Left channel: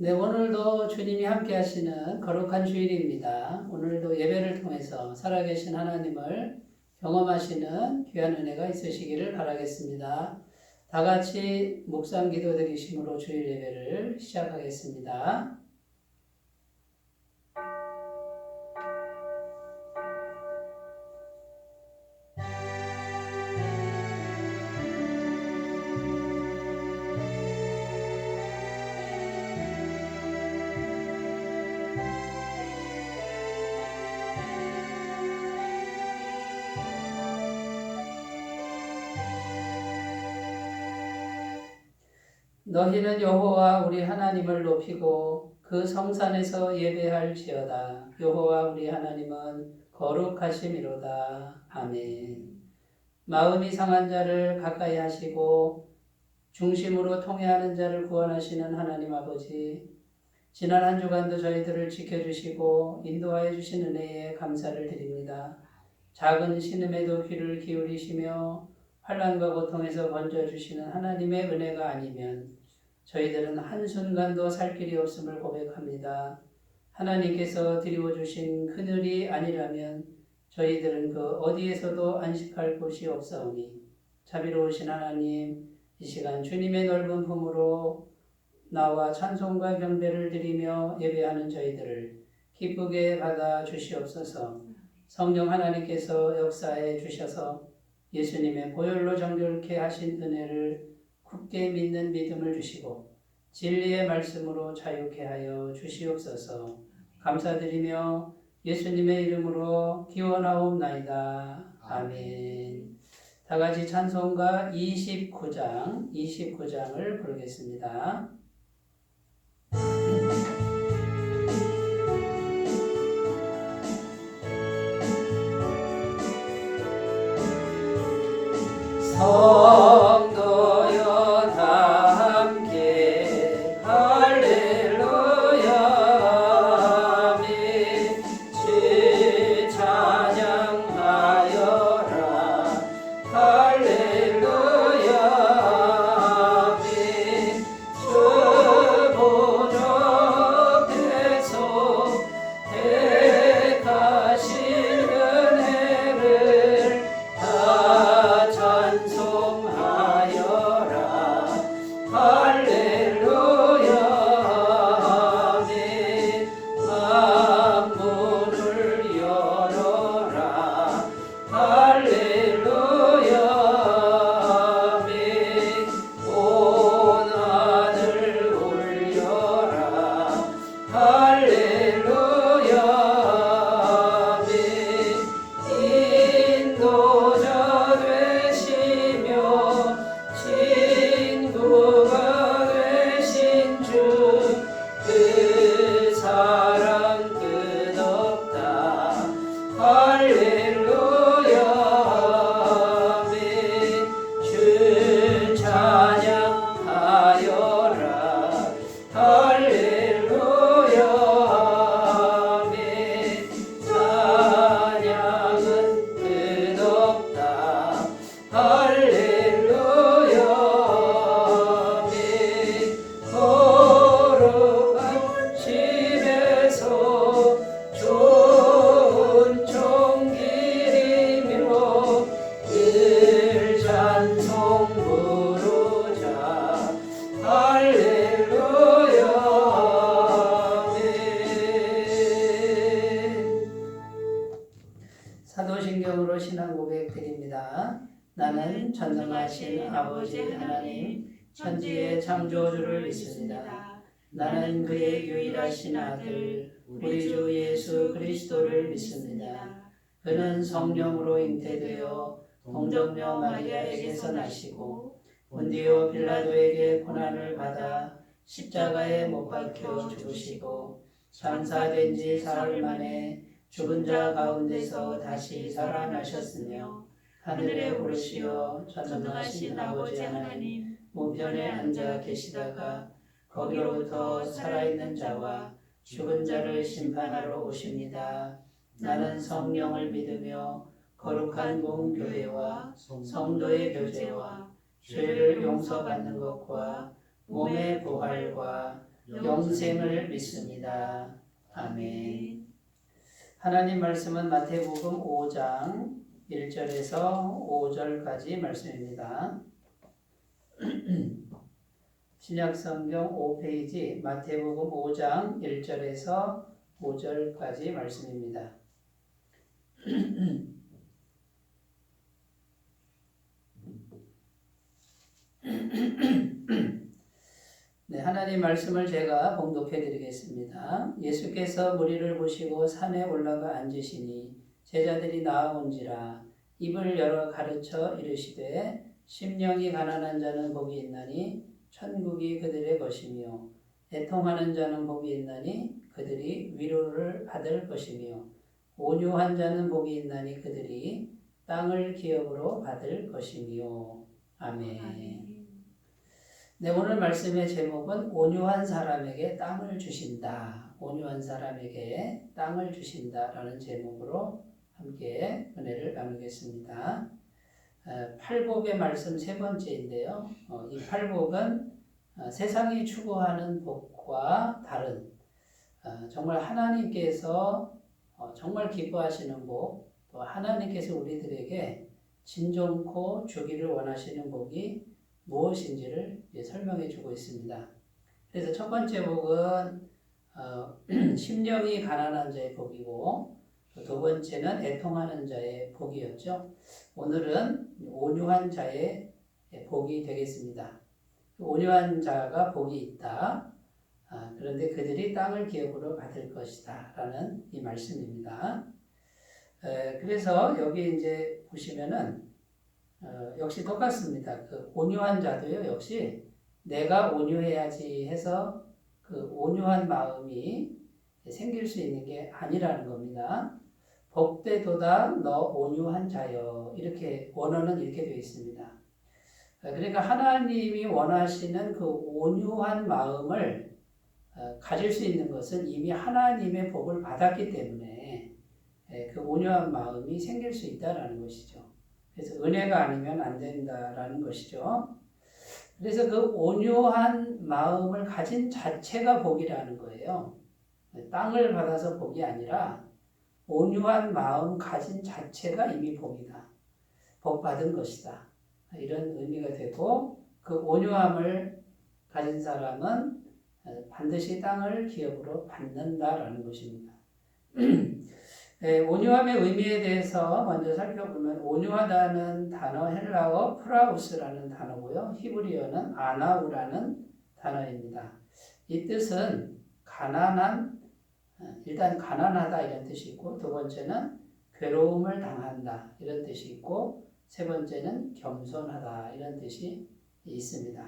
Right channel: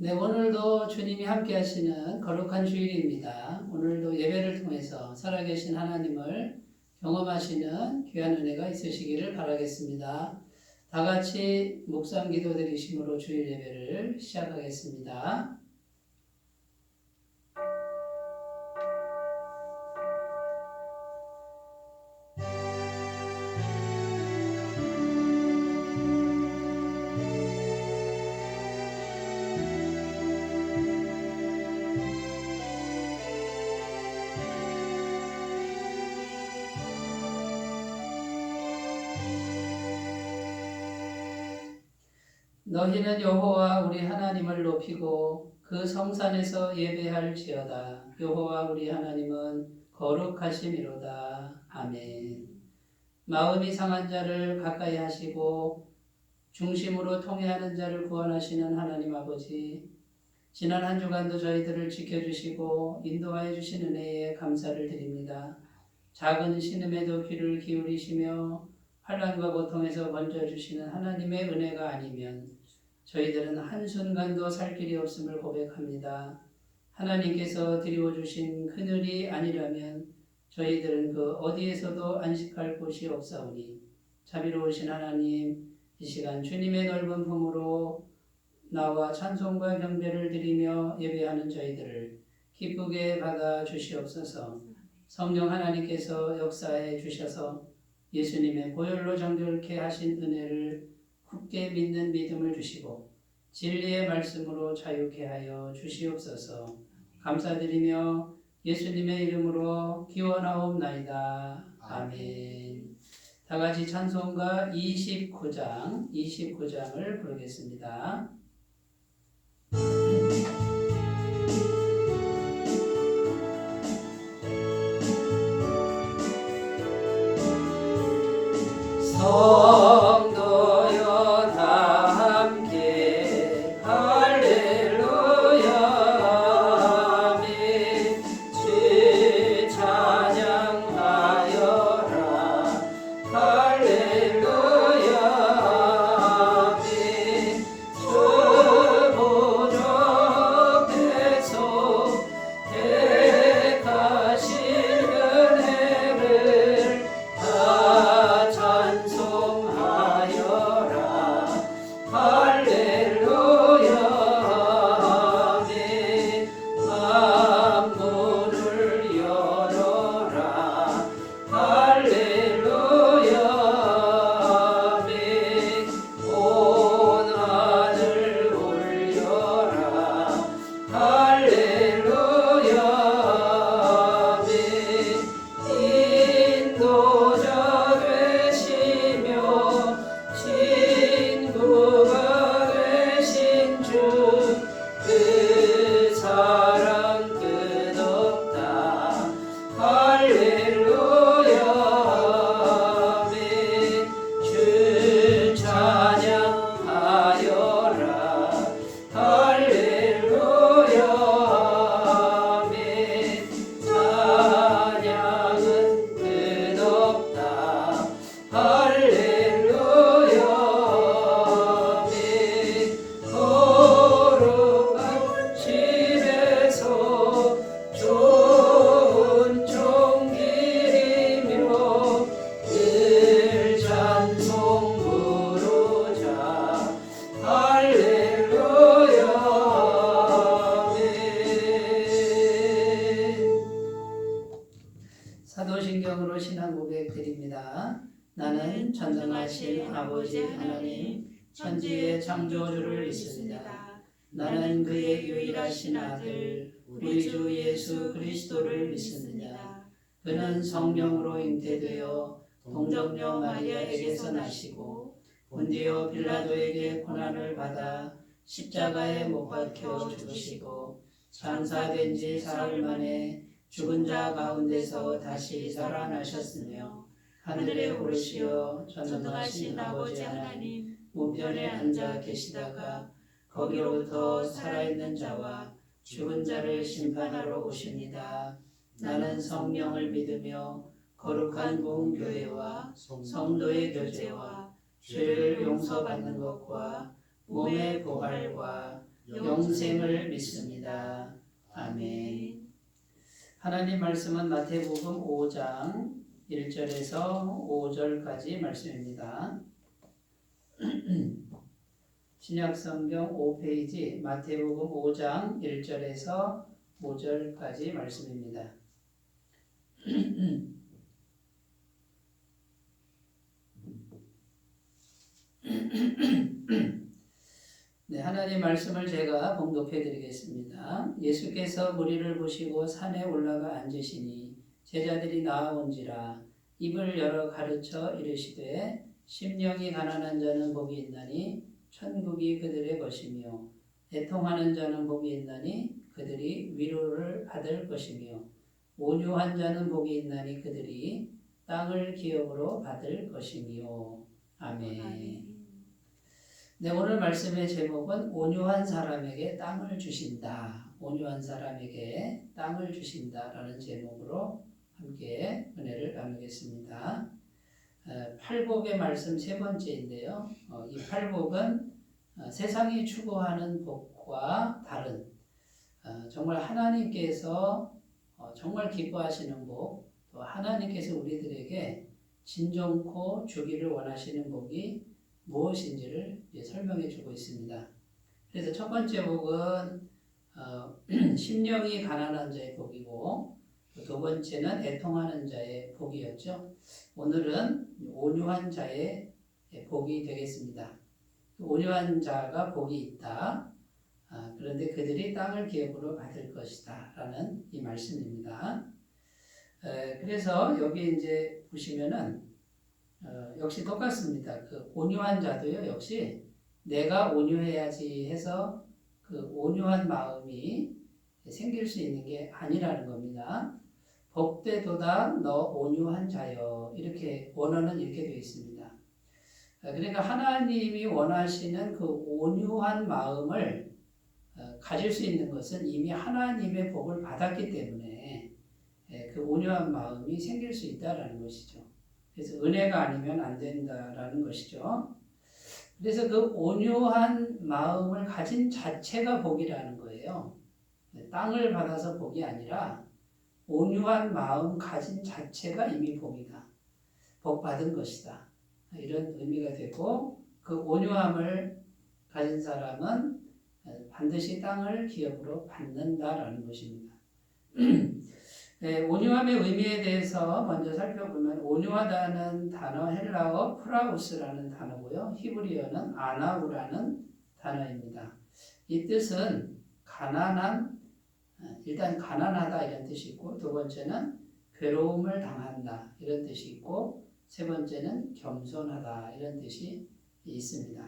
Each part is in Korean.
네, 오늘도 주님이 함께 하시는 거룩한 주일입니다. 오늘도 예배를 통해서 살아계신 하나님을 경험하시는 귀한 은혜가 있으시기를 바라겠습니다. 다 같이 묵상 기도 드리심으로 주일 예배를 시작하겠습니다. 너희는 여호와 우리 하나님을 높이고 그 성산에서 예배할지어다. 여호와 우리 하나님은 거룩하심이로다. 아멘. 마음이 상한 자를 가까이 하시고 중심으로 통회하는 자를 구원하시는 하나님 아버지, 지난 한 주간도 저희들을 지켜주시고 인도하여 주신 은혜에 감사를 드립니다. 작은 신음에도 귀를 기울이시며 환난과 고통에서 건져주시는 하나님의 은혜가 아니면 저희들은 한순간도 살 길이 없음을 고백합니다. 하나님께서 드리워주신 그늘이 아니라면 저희들은 그 어디에서도 안식할 곳이 없사오니 자비로우신 하나님, 이 시간 주님의 넓은 품으로 나와 찬송과 경배를 드리며 예배하는 저희들을 기쁘게 받아 주시옵소서. 성령 하나님께서 역사해 주셔서 예수님의 보혈로 정결케 하신 은혜를 굳게 믿는 믿음을 주시고 진리의 말씀으로 자유케 하여 주시옵소서. 감사드리며 예수님의 이름으로 기원하옵나이다. 아멘. 다 같이 찬송가 29장을 부르겠습니다. 성도여 다 함께 할렐루야 아멘. 주 찬양하여라 할렐루야 아멘. 주 보좌에서 택하신 은혜를 다 찬송하여라 할렐루야 아멘. 만문을 열어라 할렐루야 아멘. 온 하늘 울려라 할렐루야 아멘. 인도자 되시며 친구가 되신 주 그 사랑 끝없다 할렐루야 아멘. 주 찬양하여라 할렐루야 아멘. 찬양은 끝없다 할렐루야 아멘. 거룩한 집에서 좋은 종길이며 늘 찬송 부르자 할렐루야 아멘. 사도신경으로 신앙 고백 드립니다. 나는 전능하신 아버지 하나님 천지의 창조주를 믿습니다. 나는 그의 유일하신 아들 우리 주 예수 그리스도를 믿습니다. 그는 성령으로 잉태되어 동정녀 마리아에게서 나시고 본디오 빌라도에게 고난을 받아 십자가에 못 박혀 죽으시고 장사된 지 사흘 만에 죽은 자 가운데서 다시 살아나셨으며 하늘에 오르시어 전능하신 아버지 하나님 우편에 앉아 계시다가 거기로부터 살아있는 자와 죽은 자를 심판하러 오십니다. 나는 성령을 믿으며 거룩한 공교회와 성도의 교제와 죄를 용서받는 것과 몸의 부활과 영생을 믿습니다. 아멘. 하나님 말씀은 마태복음 5장 1절에서 5절까지 말씀입니다. 신약성경 5페이지 마태복음 5장 1절에서 5절까지 말씀입니다. 네, 하나님 말씀을 제가 봉독해 드리겠습니다. 예수께서 무리를 보시고 산에 올라가 앉으시니 제자들이 나아온지라 입을 열어 가르쳐 이르시되 심령이 가난한 자는 복이 있나니 천국이 그들의 것이며 애통하는 자는 복이 있나니 그들이 위로를 받을 것이며 온유한 자는 복이 있나니 그들이 땅을 기업으로 받을 것이며 아멘. 네, 오늘 말씀의 제목은 온유한 사람에게 땅을 주신다. 온유한 사람에게 땅을 주신다라는 제목으로 함께 은혜를 나누겠습니다. 팔복의 말씀 세 번째인데요. 이 팔복은 세상이 추구하는 복과 다른 정말 하나님께서 정말 기뻐하시는 복, 또 하나님께서 우리들에게 진정코 주기를 원하시는 복이 무엇인지를 설명해 주고 있습니다. 그래서 첫 번째 복은 심령이 가난한 자의 복이고 두 번째는 애통하는 자의 복이었죠. 오늘은 온유한 자의 복이 되겠습니다. 온유한 자가 복이 있다. 그런데 그들이 땅을 기업으로 받을 것이다 라는 이 말씀입니다. 그래서 여기 이제 보시면은 역시 똑같습니다. 그 온유한 자도요, 역시 내가 온유해야지 해서 그 온유한 마음이 생길 수 있는 게 아니라는 겁니다. 복되도다 너 온유한 자여, 이렇게 원어는 이렇게 되어 있습니다. 그러니까 하나님이 원하시는 그 온유한 마음을 가질 수 있는 것은 이미 하나님의 복을 받았기 때문에 그 온유한 마음이 생길 수 있다라는 것이죠. 그래서 은혜가 아니면 안 된다라는 것이죠. 그래서 그 온유한 마음을 가진 자체가 복이라는 거예요. 땅을 받아서 복이 아니라 온유한 마음 가진 자체가 이미 복이다. 복 받은 것이다. 이런 의미가 되고 그 온유함을 가진 사람은 반드시 땅을 기업으로 받는다라는 것입니다. 온유함의 의미에 대해서 먼저 살펴보면 온유하다는 단어 헬라어 프라우스라는 단어고요. 히브리어는 아나우라는 단어입니다. 이 뜻은 가난한, 일단 가난하다 이런 뜻이 있고 두 번째는 괴로움을 당한다 이런 뜻이 있고 세 번째는 겸손하다 이런 뜻이 있습니다.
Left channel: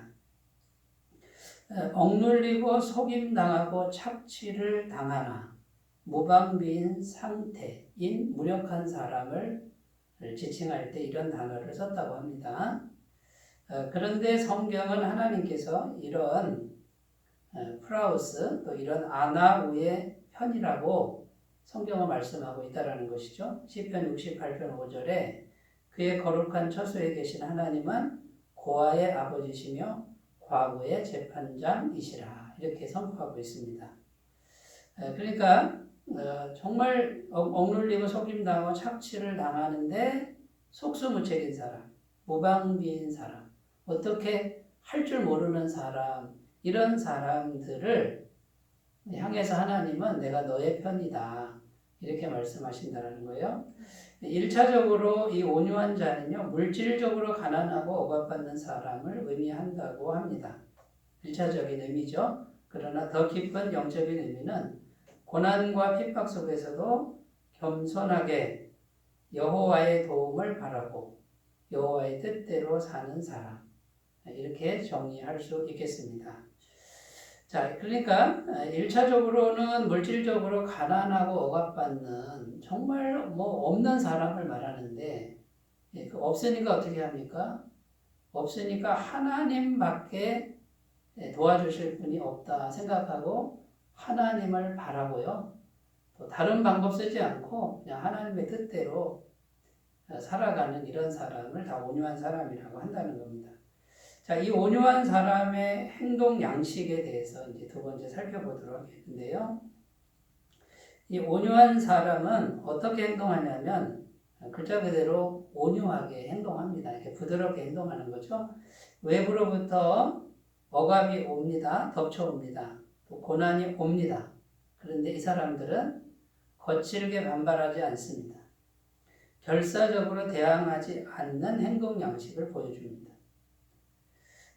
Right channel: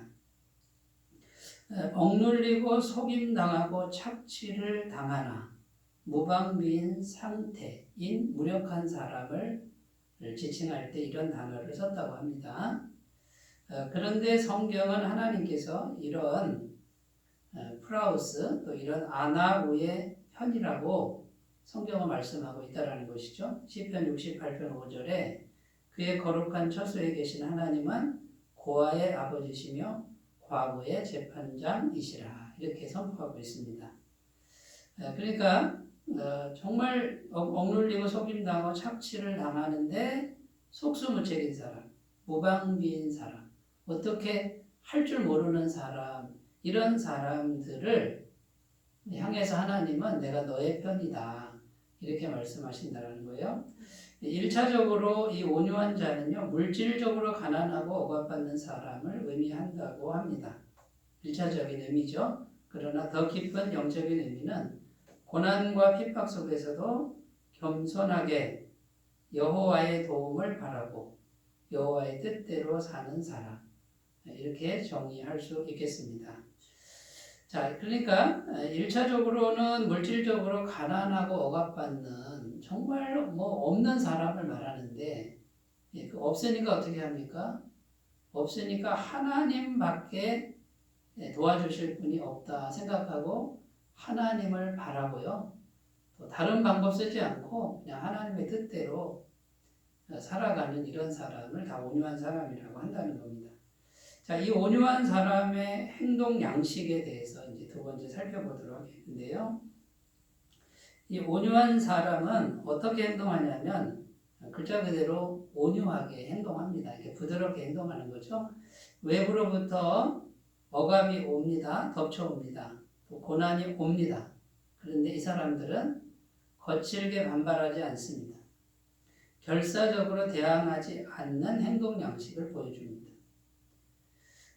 억눌리고 속임당하고 착취를 당하나 무방비인 상태인 무력한 사람을 지칭할 때 이런 단어를 썼다고 합니다. 그런데 성경은 하나님께서 이런 프라우스 또 이런 아나우의 편이라고 성경은 말씀하고 있다는 것이죠. 시편 68편 5절에 그의 거룩한 처소에 계신 하나님은 고아의 아버지시며 과부의 재판장이시라 이렇게 선포하고 있습니다. 그러니까 정말 억눌리고 속임당하고 착취를 당하는데 속수무책인 사람, 무방비인 사람, 어떻게 할 줄 모르는 사람, 이런 사람들을 향해서 하나님은 내가 너의 편이다 이렇게 말씀하신다는 거예요. 1차적으로 이 온유한 자는요, 물질적으로 가난하고 억압받는 사람을 의미한다고 합니다. 1차적인 의미죠. 그러나 더 깊은 영적인 의미는 고난과 핍박 속에서도 겸손하게 여호와의 도움을 바라고 여호와의 뜻대로 사는 사람, 이렇게 정의할 수 있겠습니다. 자, 그러니까 1차적으로는 물질적으로 가난하고 억압받는 정말 없는 사람을 말하는데 그 없으니까 어떻게 합니까? 없으니까 하나님밖에 도와주실 분이 없다 생각하고 하나님을 바라고요. 또 다른 방법 쓰지 않고 그냥 하나님의 뜻대로 살아가는 이런 사람을 다 온유한 사람이라고 한다는 겁니다. 자, 이 온유한 사람의 행동 양식에 대해서 이제 두 번째 살펴보도록 하겠는데요. 이 온유한 사람은 어떻게 행동하냐면 글자 그대로 온유하게 행동합니다. 이렇게 부드럽게 행동하는 거죠. 외부로부터 억압이 옵니다. 덮쳐옵니다. 또 고난이 옵니다. 그런데 이 사람들은 거칠게 반발하지 않습니다. 결사적으로 대항하지 않는 행동 양식을 보여줍니다.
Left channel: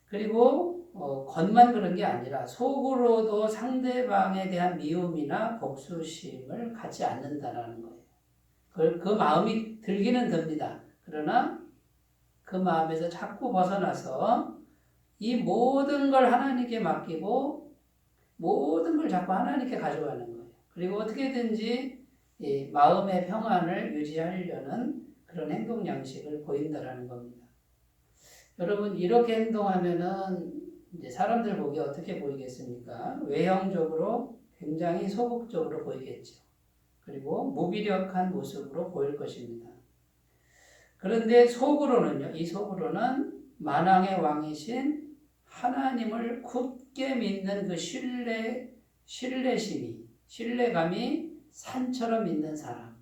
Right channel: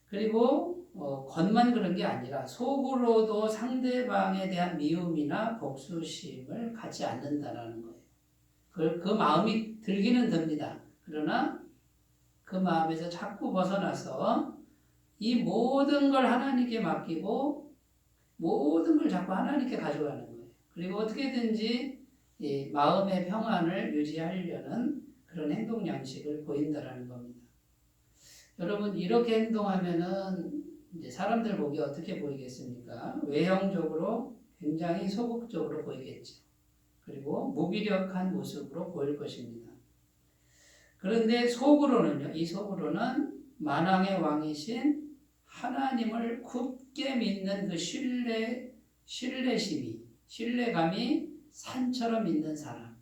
그리고 겉만 그런 게 아니라 속으로도 상대방에 대한 미움이나 복수심을 갖지 않는다라는 거예요. 그 마음이 들기는 듭니다. 그러나 그 마음에서 자꾸 벗어나서 이 모든 걸 하나님께 맡기고 모든 걸 자꾸 하나님께 가져가는 거예요. 그리고 어떻게든지 이 마음의 평안을 유지하려는 그런 행동 양식을 보인다라는 겁니다. 여러분 이렇게 행동하면은 이제 사람들 보기 어떻게 보이겠습니까? 외형적으로 굉장히 소극적으로 보이겠죠. 그리고 무기력한 모습으로 보일 것입니다. 그런데 속으로는요, 이 속으로는 만왕의 왕이신 하나님을 굳게 믿는 그 신뢰감이 산처럼 믿는 사람.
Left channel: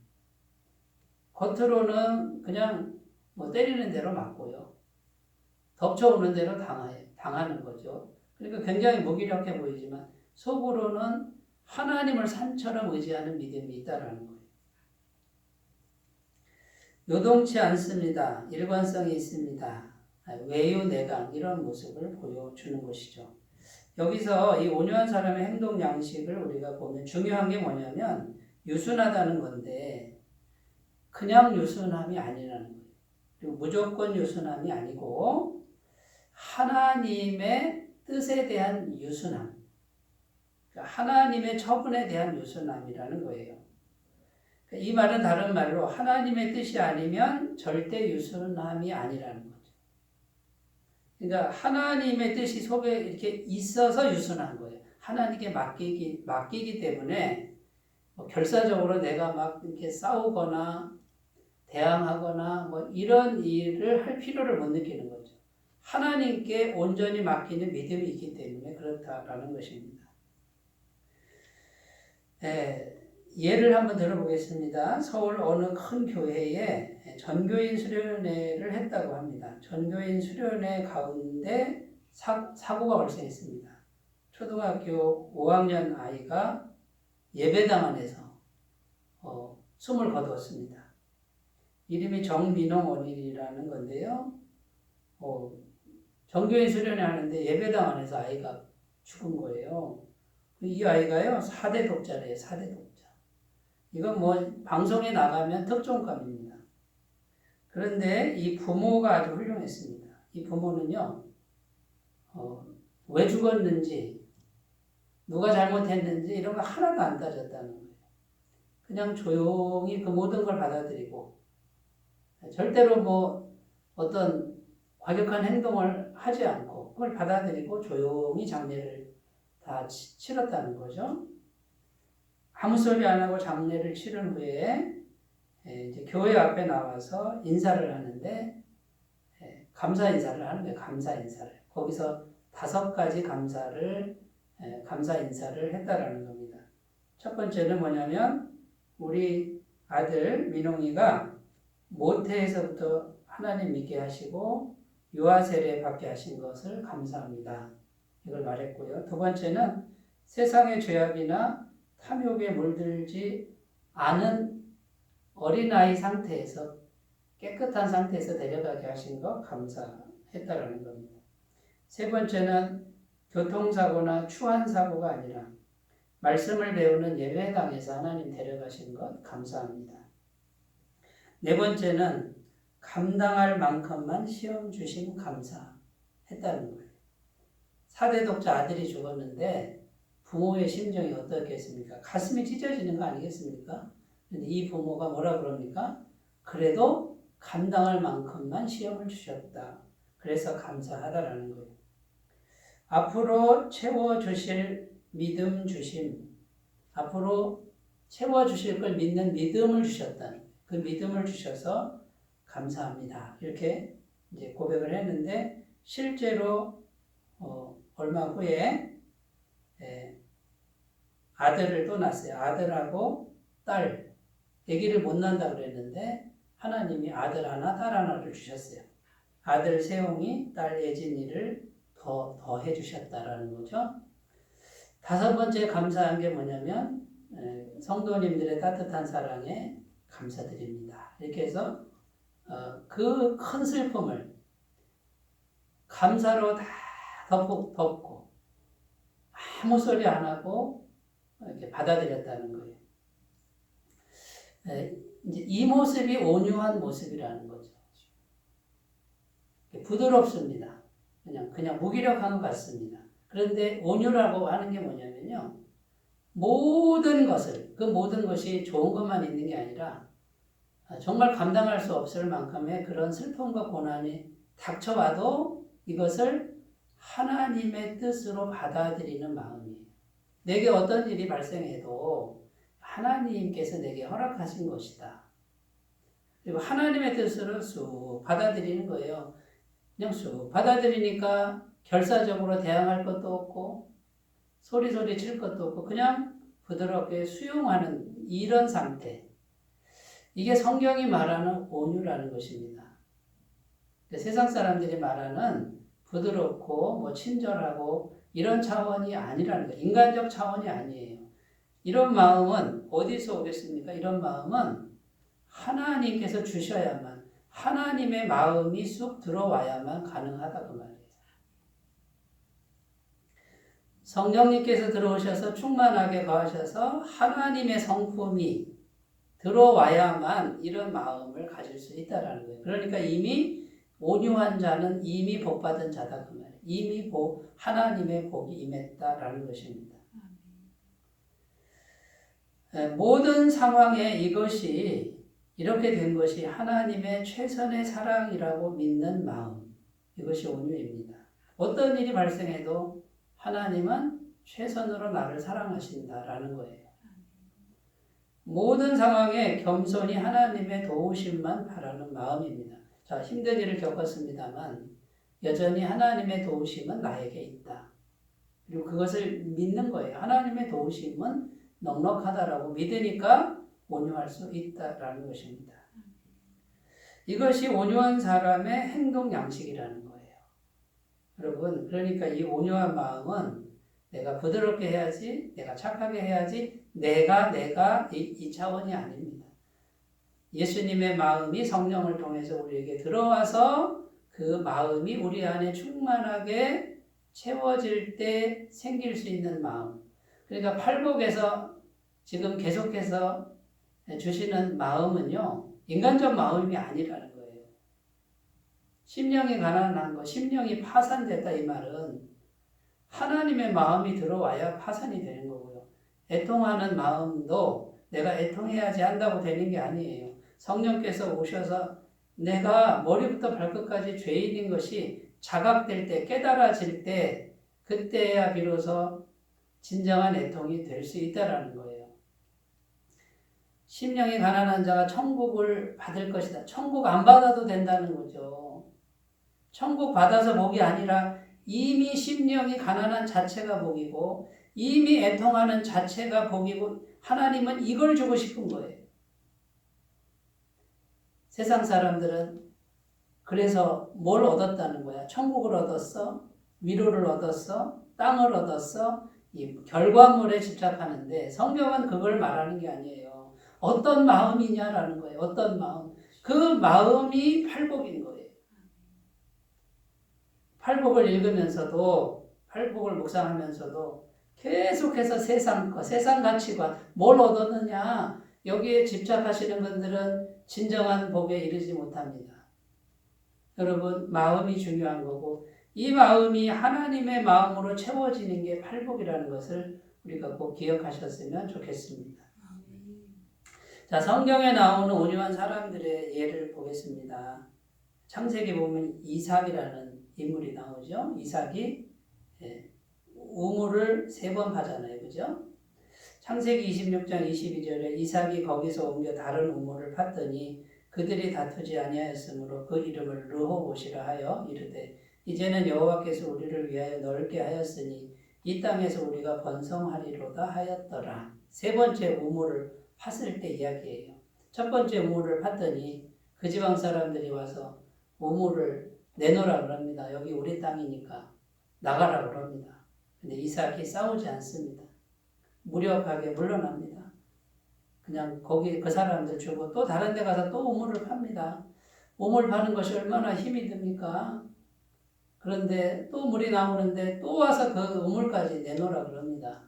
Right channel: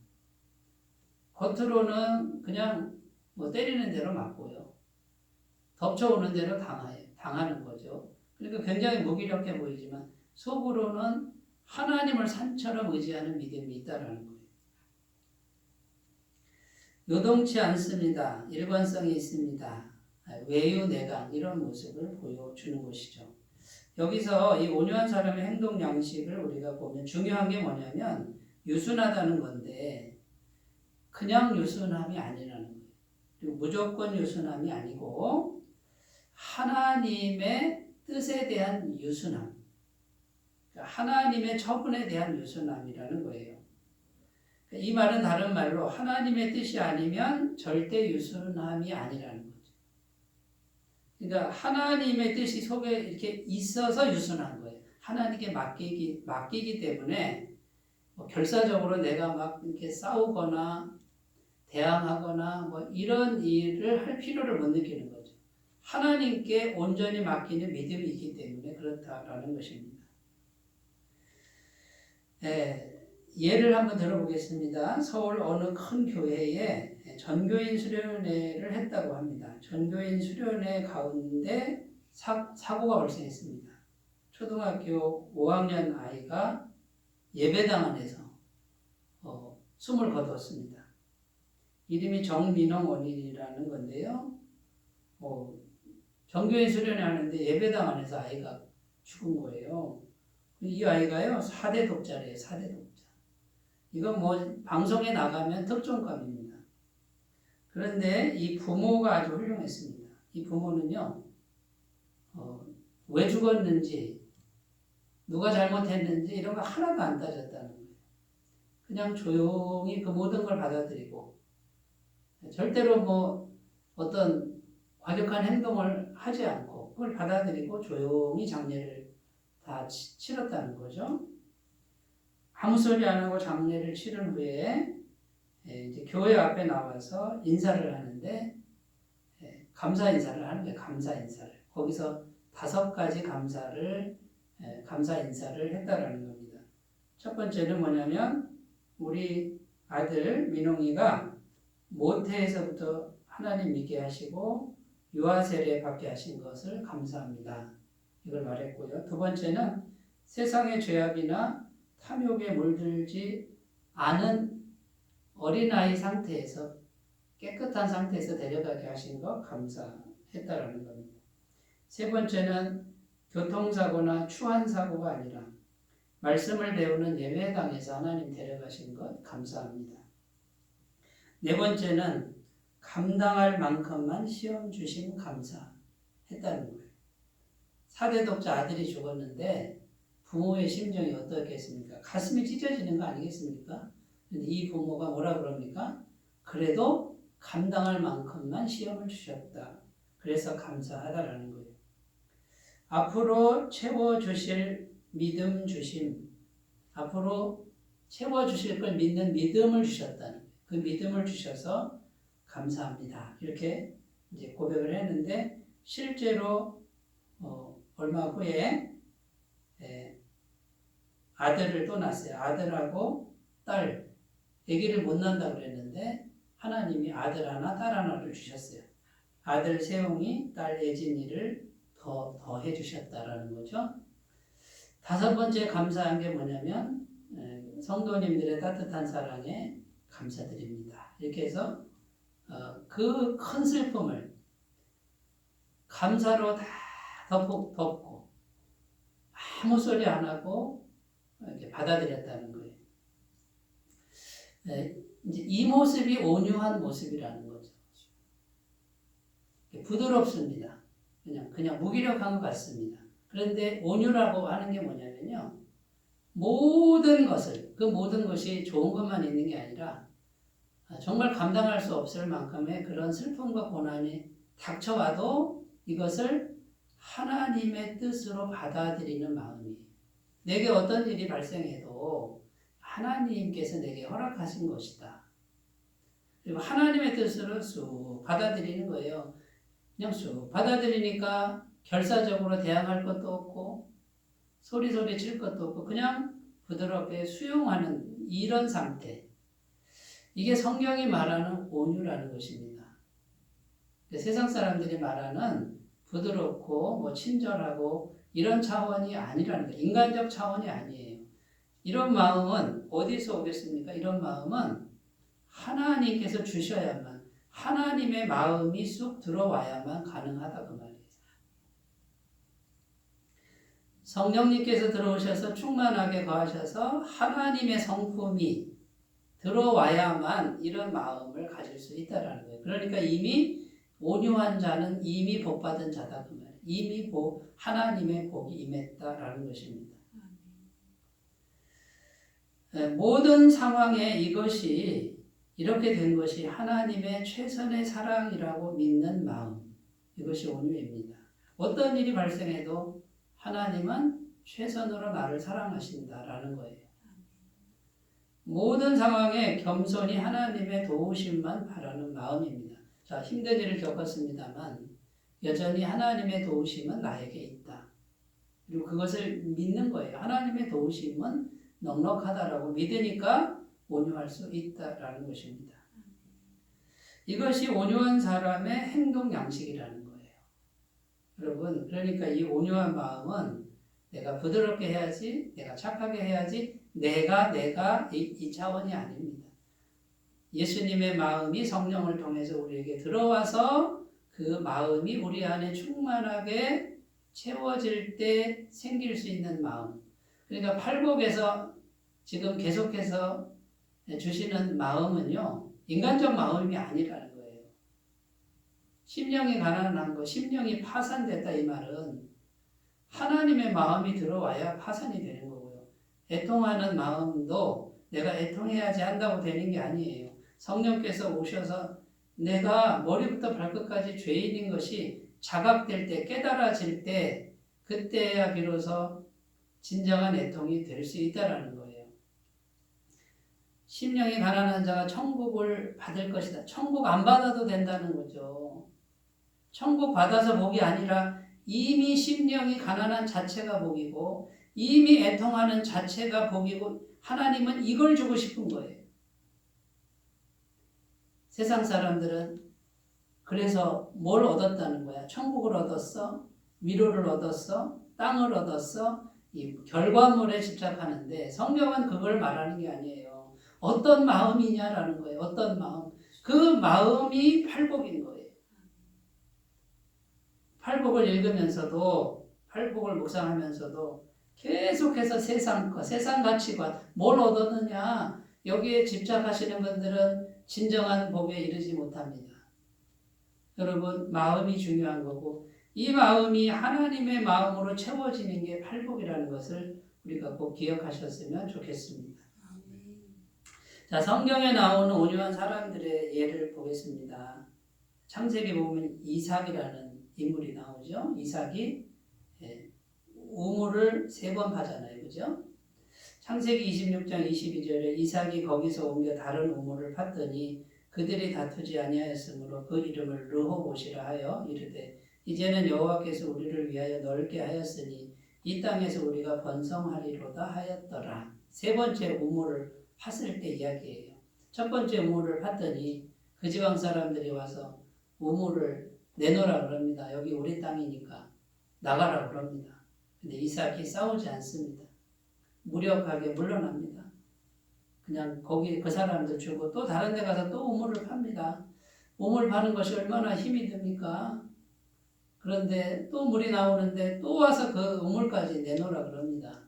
겉으로는 그냥 뭐 때리는 대로 맞고요. 덮쳐오는 대로 당하는 거죠. 그러니까 굉장히 무기력해 보이지만 속으로는 하나님을 산처럼 의지하는 믿음이 있다라는 거예요. 요동치 않습니다. 일관성이 있습니다. 외유내강 이런 모습을 보여주는 것이죠. 여기서 이 온유한 사람의 행동 양식을 우리가 보면 중요한 게 뭐냐면 유순하다는 건데 그냥 유순함이 아니라는 거예요. 그리고 무조건 유순함이 아니고 하나님의 뜻에 대한 유순함, 그러니까 하나님의 처분에 대한 유순함이라는 거예요. 이 말은 다른 말로 하나님의 뜻이 아니면 절대 유순함이 아니라는 거죠. 그러니까 하나님의 뜻이 속에 이렇게 있어서 유순한 거예요. 하나님께 맡기기 때문에 결사적으로 내가 막 이렇게 싸우거나 대항하거나 뭐 이런 일을 할 필요를 못 느끼는 거죠. 하나님께 온전히 맡기는 믿음이 있기 때문에 그렇다라는 것입니다. 예를 한번 들어보겠습니다. 서울 어느 큰 교회에 전교인 수련회를 했다고 합니다. 전교인 수련회 가운데 사고가 발생했습니다. 초등학교 5학년 아이가 예배당 안에서 숨을 거두었습니다. 이름이 정민홍 원인이라는 건데요. 전교인 수련회 하는데 예배당 안에서 아이가 죽은 거예요. 이 아이가요, 4대 독자래요, 4대 독자. 이건 뭐, 방송에 나가면 특종감입니다. 그런데 이 부모가 아주 훌륭했습니다. 이 부모는요, 왜 죽었는지, 누가 잘못했는지 이런 거 하나도 안 따졌다는 거예요. 그냥 조용히 그 모든 걸 받아들이고, 절대로 뭐, 어떤 과격한 행동을 하지 않고, 그걸 받아들이고 조용히 장례를 다 치렀다는 거죠. 아무 소리 안 하고 장례를 치른 후에 이제 교회 앞에 나와서 인사를 하는데 감사 인사를 하는 거예요. 감사 인사를. 거기서 5가지 감사 인사를 했다라는 겁니다. 첫 번째는 뭐냐면 우리 아들 민홍이가 모태에서부터 하나님 믿게 하시고 유아 세례 받게 하신 것을 감사합니다. 이걸 말했고요. 두 번째는 세상의 죄악이나 탐욕에 물들지 않은 어린아이 상태에서 깨끗한 상태에서 데려가게 하신 것 감사했다라는 겁니다. 세 번째는 교통사고나 추한 사고가 아니라 말씀을 배우는 예배당에서 하나님 데려가신 것 감사합니다. 네 번째는 감당할 만큼만 시험 주심 감사했다는 거예요. 4대 독자 아들이 죽었는데 부모의 심정이 어떻겠습니까? 가슴이 찢어지는 거 아니겠습니까? 근데 이 부모가 뭐라 그럽니까? 그래도 감당할 만큼만 시험을 주셨다. 그래서 감사하다라는 거예요. 앞으로 채워주실 믿음 주심, 앞으로 채워주실 걸 믿는 믿음을 주셨다는 거예요. 그 믿음을 주셔서 감사합니다. 이렇게 이제 고백을 했는데 실제로 얼마 후에 아들을 또 낳았어요. 아들하고 딸, 아기를 못 낳는다 그랬는데 하나님이 아들 하나, 딸 하나를 주셨어요. 아들 세홍이, 딸 예진이를 더 해주셨다라는 거죠. 5번째 감사한 게 뭐냐면 성도님들의 따뜻한 사랑에 감사드립니다. 이렇게 해서 그 큰 슬픔을 감사로 다 덮고 아무 소리 안 하고 이렇게 받아들였다는 거예요. 이제 이 모습이 온유한 모습이라는 거죠. 부드럽습니다. 그냥 무기력한 것 같습니다. 그런데 온유라고 하는 게 뭐냐면요. 모든 것을, 그 모든 것이 좋은 것만 있는 게 아니라 정말 감당할 수 없을 만큼의 그런 슬픔과 고난이 닥쳐와도 이것을 하나님의 뜻으로 받아들이는 마음이에요. 내게 어떤 일이 발생해도 하나님께서 내게 허락하신 것이다. 그리고 하나님의 뜻으로 쑥 받아들이는 거예요. 그냥 쑥 받아들이니까 결사적으로 대항할 것도 없고 소리 칠 것도 없고 그냥 부드럽게 수용하는 이런 상태. 이게 성경이 말하는 온유라는 것입니다. 세상 사람들이 말하는 부드럽고 친절하고 이런 차원이 아니라는 거예요. 인간적 차원이 아니에요. 이런 마음은 어디서 오겠습니까? 이런 마음은 하나님께서 주셔야만, 하나님의 마음이 쑥 들어와야만 가능하다 그 말이에요. 성령님께서 들어오셔서 충만하게 거하셔서 하나님의 성품이 들어와야만 이런 마음을 가질 수 있다라는 거예요. 그러니까 이미 온유한 자는 이미 복받은 자다 그 말이에요. 이미 하나님의 복이 임했다라는 것입니다. 모든 상황에 이것이 이렇게 된 것이 하나님의 최선의 사랑이라고 믿는 마음, 이것이 온유입니다. 어떤 일이 발생해도 하나님은 최선으로 나를 사랑하신다라는 거예요. 모든 상황에 겸손히 하나님의 도우심만 바라는 마음입니다. 자, 힘든 일을 겪었습니다만 여전히 하나님의 도우심은 나에게 있다. 그리고 그것을 믿는 거예요. 하나님의 도우심은 넉넉하다라고 믿으니까 온유할 수 있다라는 것입니다. 이것이 온유한 사람의 행동 양식이라는 거예요. 여러분, 그러니까 이 온유한 마음은 내가 부드럽게 해야지, 내가 착하게 해야지, 내가 이 차원이 아닙니다. 예수님의 마음이 성령을 통해서 우리에게 들어와서 그 마음이 우리 안에 충만하게 채워질 때 생길 수 있는 마음. 그러니까 팔복에서 지금 계속해서 주시는 마음은요, 인간적 마음이 아니라는 거예요. 심령이 가난한 거, 심령이 파산됐다 이 말은 하나님의 마음이 들어와야 파산이 되는 거고요. 애통하는 마음도 내가 애통해야지 한다고 되는 게 아니에요. 성령께서 오셔서 내가 머리부터 발끝까지 죄인인 것이 자각될 때, 깨달아질 때, 그때야 비로소 진정한 애통이 될 수 있다라는 거예요. 심령이 가난한 자가 천국을 받을 것이다. 천국 안 받아도 된다는 거죠. 천국 받아서 복이 아니라 이미 심령이 가난한 자체가 복이고 이미 애통하는 자체가 복이고 하나님은 이걸 주고 싶은 거예요. 세상 사람들은 그래서 뭘 얻었다는 거야? 천국을 얻었어? 위로를 얻었어? 땅을 얻었어? 이 결과물에 집착하는데 성경은 그걸 말하는 게 아니에요. 어떤 마음이냐라는 거예요. 어떤 마음. 그 마음이 팔복인 거예요. 팔복을 읽으면서도 팔복을 묵상하면서도 계속해서 세상 것, 세상 가치관, 뭘 얻었느냐 여기에 집착하시는 분들은 진정한 복에 이르지 못합니다. 여러분 마음이 중요한 거고 이 마음이 하나님의 마음으로 채워지는 게 팔복이라는 것을 우리가 꼭 기억하셨으면 좋겠습니다. 자, 성경에 나오는 온유한 사람들의 예를 보겠습니다. 창세기 보면 이삭이라는 인물이 나오죠. 이삭이 우물을 3번 파잖아요. 그죠? 창세기 26장 22절에 이삭이 거기서 옮겨 다른 우물을 팠더니 그들이 다투지 아니하였으므로 그 이름을 르호봇이라 하여 이르되 이제는 여호와께서 우리를 위하여 넓게 하였으니 이 땅에서 우리가 번성하리로다 하였더라. 세 번째 우물을 팠을 때 이야기예요. 첫 번째 우물을 팠더니 그 지방 사람들이 와서 우물을 내놓으라 그럽니다. 여기 우리 땅이니까 나가라 그럽니다. 근데 이삭이 싸우지 않습니다. 무력하게 물러납니다. 그냥 거기 그 사람들 주고 또 다른 데 가서 또 우물을 팝니다. 우물 파는 것이 얼마나 힘이 듭니까? 그런데 또 물이 나오는데 또 와서 그 우물까지 내놓으라 그럽니다.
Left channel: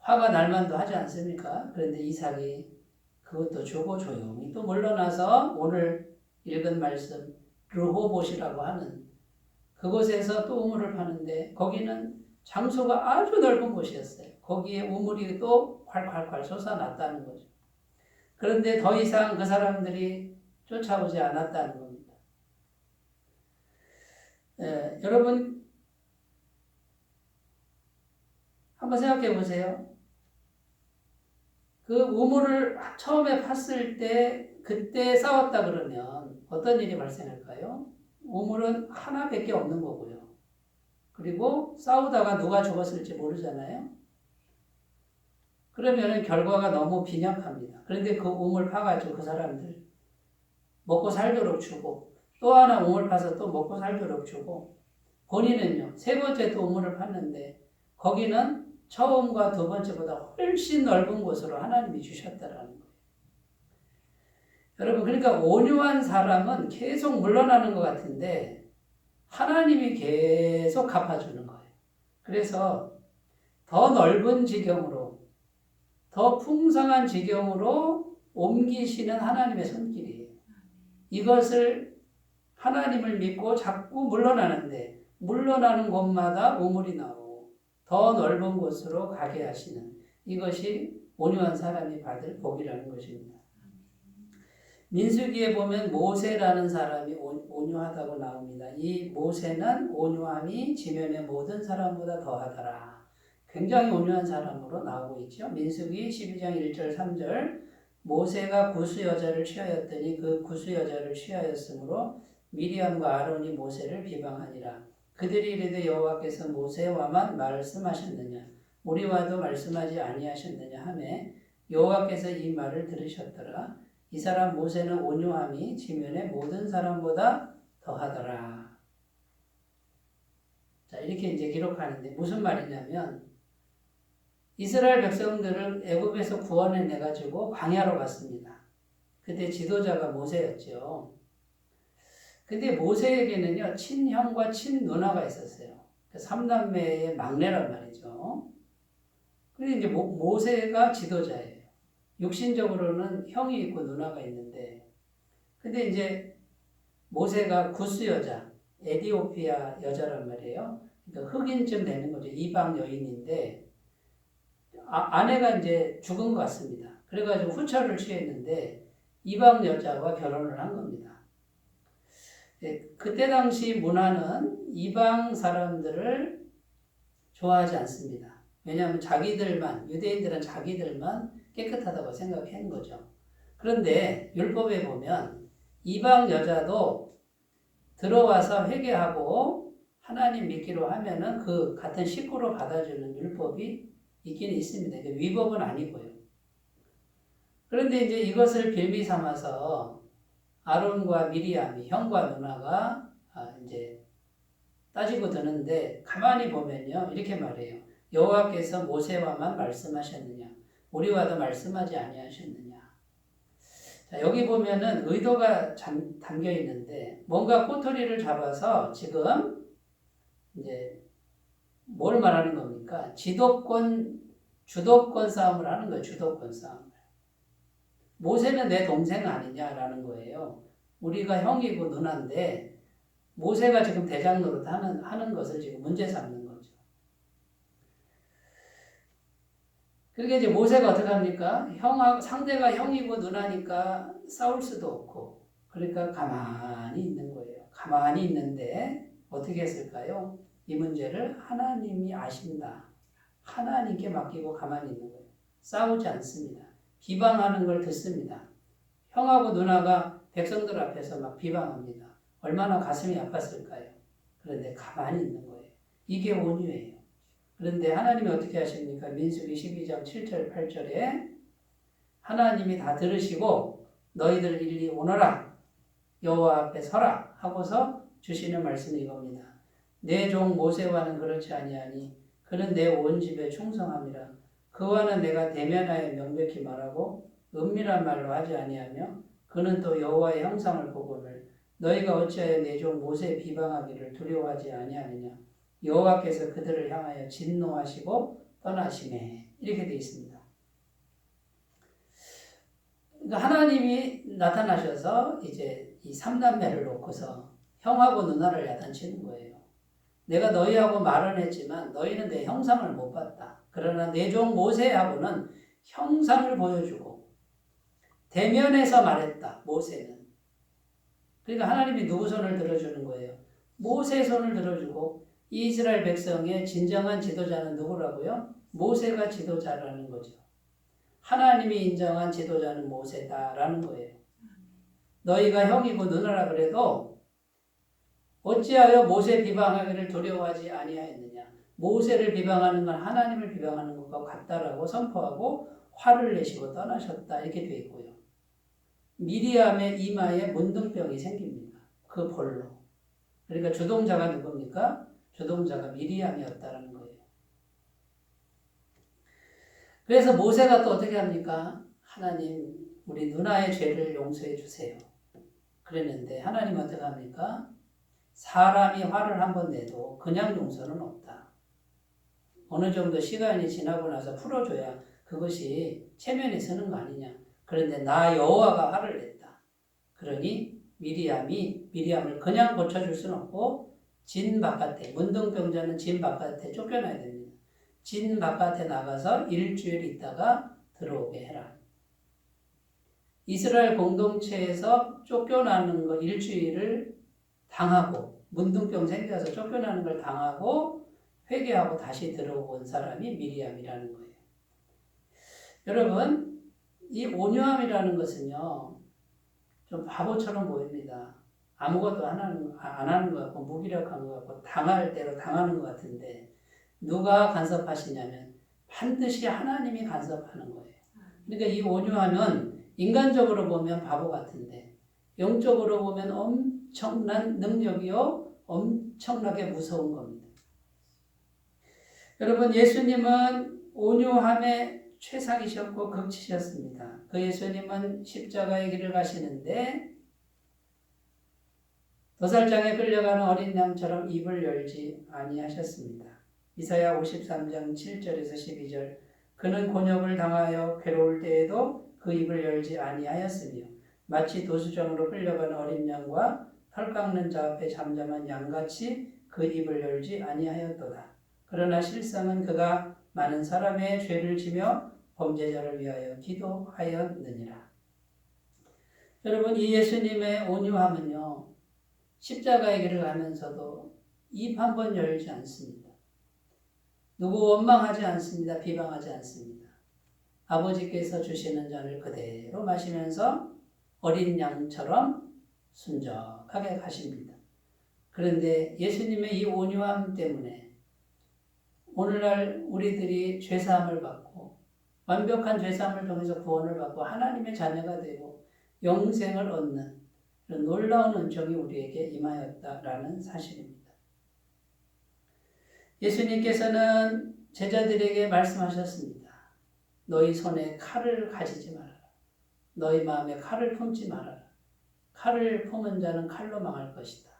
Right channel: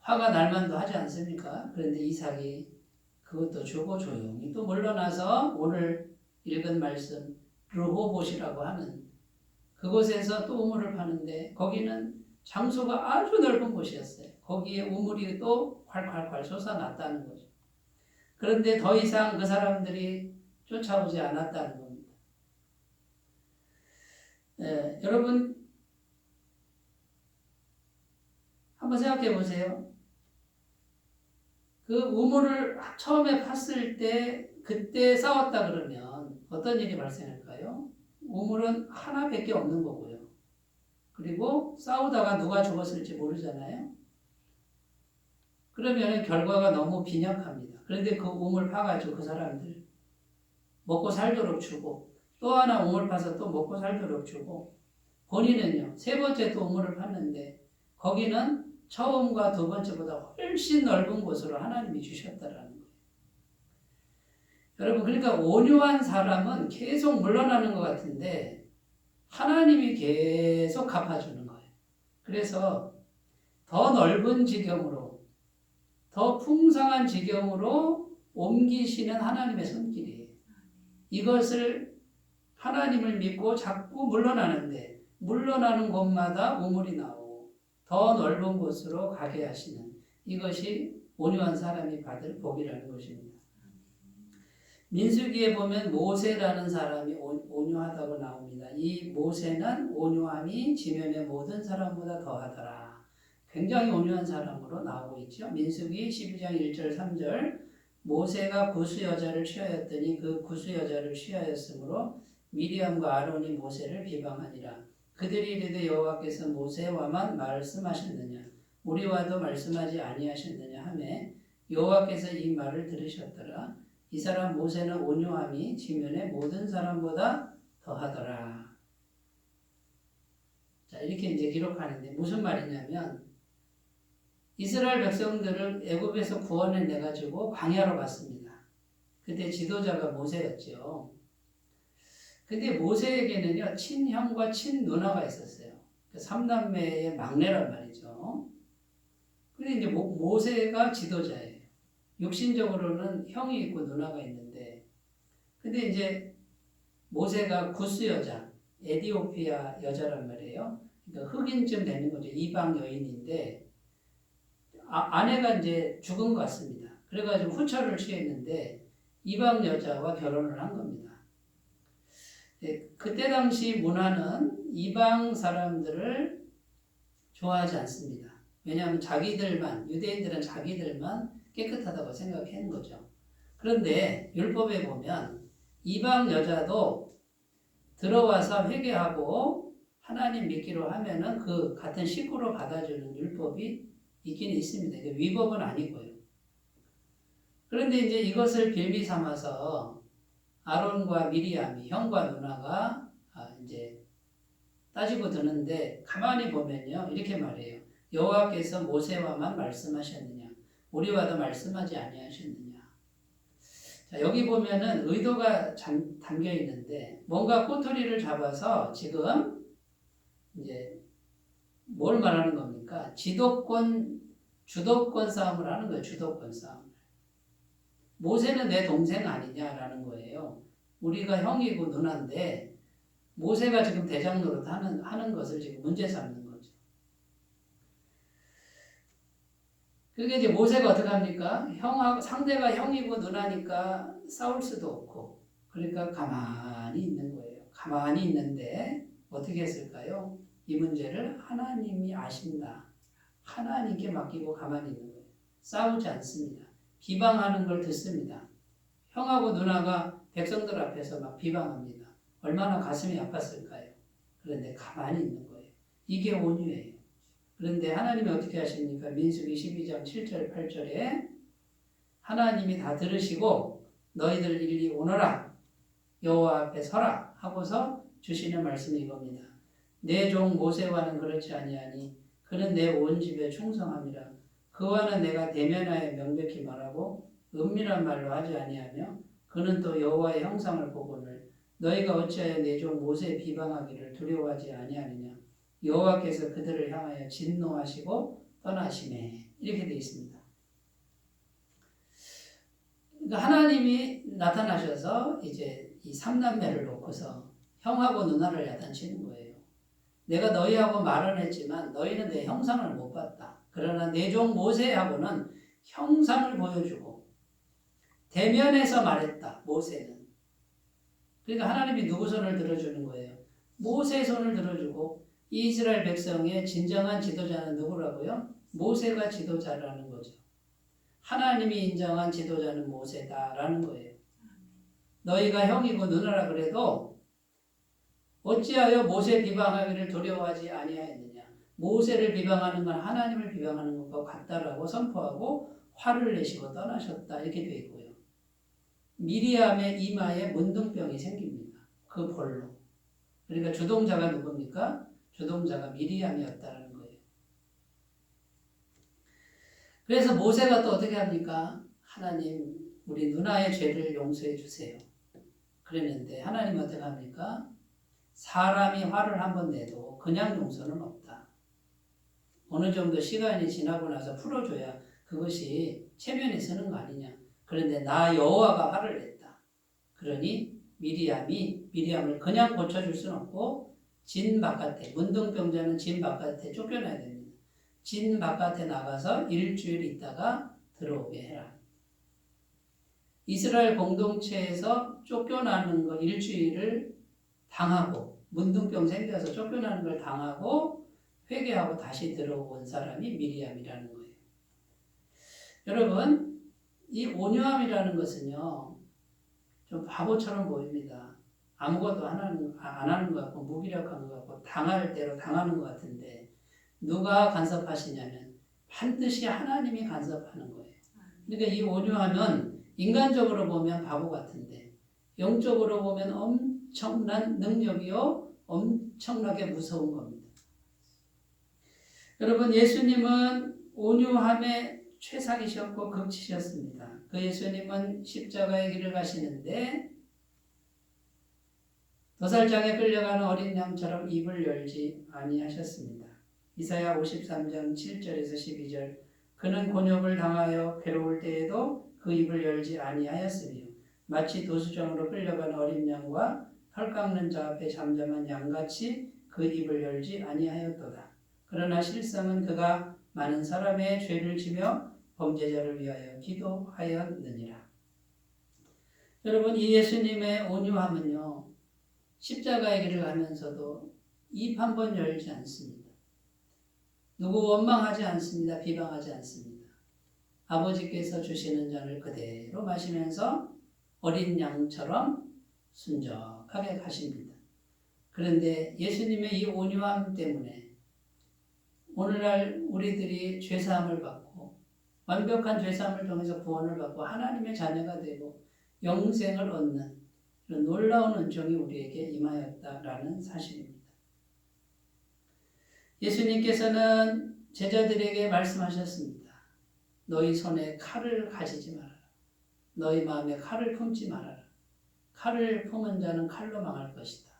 화가 날 만도 하지 않습니까? 그런데 이삭이 그것도 주고 조용히 또 물러나서 오늘 읽은 말씀 르호봇이라고 하는 그곳에서 또 우물을 파는데 거기는 장소가 아주 넓은 곳이었어요. 거기에 우물이 또 콸콸콸 솟아났다는 거죠. 그런데 더 이상 그 사람들이 쫓아오지 않았다는 겁니다. 여러분 한번 생각해 보세요. 그 우물을 처음에 팠을 때 그때 싸웠다 그러면 어떤 일이 발생할까요? 우물은 하나밖에 없는 거고요. 그리고 싸우다가 누가 죽었을지 모르잖아요. 그러면 결과가 너무 빈약합니다. 그런데 그 우물 파가지고 그 사람들 먹고 살도록 주고 또 하나 우물 파서 또 먹고 살도록 주고 본인은요 세 번째 또 우물을 팠는데 거기는 처음과 두 번째보다 훨씬 넓은 곳으로 하나님이 주셨다라는 거예요. 여러분 그러니까 온유한 사람은 계속 물러나는 것 같은데 하나님이 계속 갚아주는 거예요. 그래서 더 넓은 지경으로 더 풍성한 지경으로 옮기시는 하나님의 손길이에요. 이것을 하나님을 믿고 자꾸 물러나는데 물러나는 곳마다 우물이 나오고 더 넓은 곳으로 가게 하시는 이것이 온유한 사람이 받을 복이라는 것입니다. 민수기에 보면 모세라는 사람이 온유하다고 나옵니다. 이 모세는 온유함이 지면의 모든 사람보다 더하더라. 굉장히 온유한 사람으로 나오고 있죠. 민수기 12장 1절 3절 모세가 구스 여자를 취하였더니 그 구스 여자를 취하였으므로 미리암과 아론이 모세를 비방하니라. 그들이 이르되 여호와께서 모세와만 말씀하셨느냐 우리와도 말씀하지 아니하셨느냐 하매 여호와께서 이 말을 들으셨더라. 이 사람 모세는 온유함이 지면의 모든 사람보다 더하더라. 자, 이렇게 이제 기록하는데 무슨 말이냐면 이스라엘 백성들을 애굽에서 구원해 내 가지고 광야로 갔습니다. 그때 지도자가 모세였죠. 근데 모세에게는요 친형과 친누나가 있었어요. 삼남매의 막내란 말이죠. 근데 이제 모세가 지도자예요. 육신적으로는 형이 있고 누나가 있는데, 근데 이제 모세가 구스 여자, 에디오피아 여자란 말이에요. 그러니까 흑인쯤 되는 거죠. 이방 여인인데, 아내가 이제 죽은 것 같습니다. 그래가지고 후처를 취했는데, 이방 여자와 결혼을 한 겁니다. 그때 당시 문화는 이방 사람들을 좋아하지 않습니다. 왜냐하면 자기들만, 유대인들은 자기들만 깨끗하다고 생각하는 거죠. 그런데 율법에 보면 이방 여자도 들어와서 회개하고 하나님 믿기로 하면은 그 같은 식구로 받아주는 율법이 있긴 있습니다. 위법은 아니고요. 그런데 이제 이것을 빌미 삼아서 아론과 미리암이 형과 누나가 이제 따지고 드는데 가만히 보면요 이렇게 말해요. 여호와께서 모세와만 말씀하셨느냐 우리와도 말씀하지 아니하셨느냐. 자, 여기 보면은 의도가 담겨 있는데 뭔가 꼬투리를 잡아서 지금 이제 뭘 말하는 겁니까? 주도권 싸움을 하는 거예요. 주도권 싸움을. 모세는 내 동생 아니냐라는 거예요. 우리가 형이고 누나인데 모세가 지금 대장 노릇 하는 것을 지금 문제 삼는 거죠. 그러니까 이제 모세가 어떻게 합니까? 상대가 형이고 누나니까 싸울 수도 없고 그러니까 가만히 있는 거예요. 가만히 있는데 어떻게 했을까요? 이 문제를 하나님이 아신다. 하나님께 맡기고 가만히 있는 거예요. 싸우지 않습니다. 비방하는 걸 듣습니다. 형하고 누나가 백성들 앞에서 막 비방합니다. 얼마나 가슴이 아팠을까요? 그런데 가만히 있는 거예요. 이게 온유예요. 그런데 하나님이 어떻게 하십니까? 민수기 12장 7절 8절에 하나님이 다 들으시고 너희들 일리 오너라 여호와 앞에 서라 하고서 주시는 말씀이 이겁니다. 내 종 모세와는 그렇지 아니하니 그는 내 온 집에 충성함이라. 그와는 내가 대면하여 명백히 말하고 은밀한 말로 하지 아니하며 그는 또 여호와의 형상을 보거늘 너희가 어찌하여 내 종 모세 비방하기를 두려워하지 아니하느냐. 여호와께서 그들을 향하여 진노하시고 떠나시매. 이렇게 되어 있습니다. 그러니까 하나님이 나타나셔서 이제 이 삼남매를 놓고서 형하고 누나를 야단치는 거예요. 내가 너희하고 말은 했지만 너희는 내 형상을 못 봤다. 그러나 내 종 모세하고는 형상을 보여주고 대면에서 말했다. 모세는. 그러니까 하나님이 누구 손을 들어주는 거예요? 모세 손을 들어주고 이스라엘 백성의 진정한 지도자는 누구라고요? 모세가 지도자라는 거죠. 하나님이 인정한 지도자는 모세다라는 거예요. 너희가 형이고 누나라 그래도 어찌하여 모세 비방하기를 두려워하지 아니하였느냐. 모세를 비방하는 건 하나님을 비방하는 것과 같다라고 선포하고 화를 내시고 떠나셨다. 이렇게 되어 있고요. 미리암의 이마에 문둥병이 생깁니다. 그 볼로. 그러니까 주동자가 누굽니까? 주동자가 미리암이었다는 거예요. 그래서 모세가 또 어떻게 합니까? 하나님, 우리 누나의 죄를 용서해 주세요. 그랬는데 하나님 어떻게 합니까? 사람이 화를 한번 내도 그냥 용서는 없다. 어느 정도 시간이 지나고 나서 풀어줘야 그것이 체면에 서는 거 아니냐. 그런데 나 여호와가 화를 냈다. 그러니 미리암을 그냥 고쳐줄 수는 없고 진 바깥에, 문둥병자는 진 바깥에 쫓겨나야 됩니다. 진 바깥에 나가서 일주일 있다가 들어오게 해라. 이스라엘 공동체에서 쫓겨나는 거 일주일을 당하고 문둥병 생겨서 쫓겨나는 걸 당하고 회개하고 다시 들어온 사람이 미리암이라는 거예요. 여러분, 이 온유함이라는 것은요, 좀 바보처럼 보입니다. 아무것도 안 하는 것 같고 무기력한 것 같고 당할 대로 당하는 것 같은데 누가 간섭하시냐면 반드시 하나님이 간섭하는 거예요. 그러니까 이 온유함은 인간적으로 보면 바보 같은데 영적으로 보면 엄청난 능력이요 엄청나게 무서운 겁니다. 여러분, 예수님은 온유함의 최상이셨고 극치셨습니다. 그 예수님은 십자가의 길을 가시는데 도살장에 끌려가는 어린 양처럼 입을 열지 아니하셨습니다. 이사야 53장 7절에서 12절 그는 곤욕을 당하여 괴로울 때에도 그 입을 열지 아니하였으며 마치 도수장으로 끌려가는 어린 양과 털 깎는 자 앞에 잠잠한 양같이 그 입을 열지 아니하였도다. 그러나 실상은 그가 많은 사람의 죄를 지며 범죄자를 위하여 기도하였느니라. 여러분, 이 예수님의 온유함은요, 십자가의 길을 가면서도 입 한 번 열지 않습니다. 누구 원망하지 않습니다. 비방하지 않습니다. 아버지께서 주시는 잔을 그대로 마시면서 어린 양처럼 순적하게 가십니다. 그런데 예수님의 이 온유함 때문에 오늘날 우리들이 죄사함을 받고 완벽한 죄사함을 통해서 구원을 받고 하나님의 자녀가 되고 영생을 얻는 이런 놀라운 은총이 우리에게 임하였다라는 사실입니다. 예수님께서는 제자들에게 말씀하셨습니다. 너희 손에 칼을 가지지 말아라. 너희 마음에 칼을 품지 말아라. 칼을 품은 자는 칼로 망할 것이다.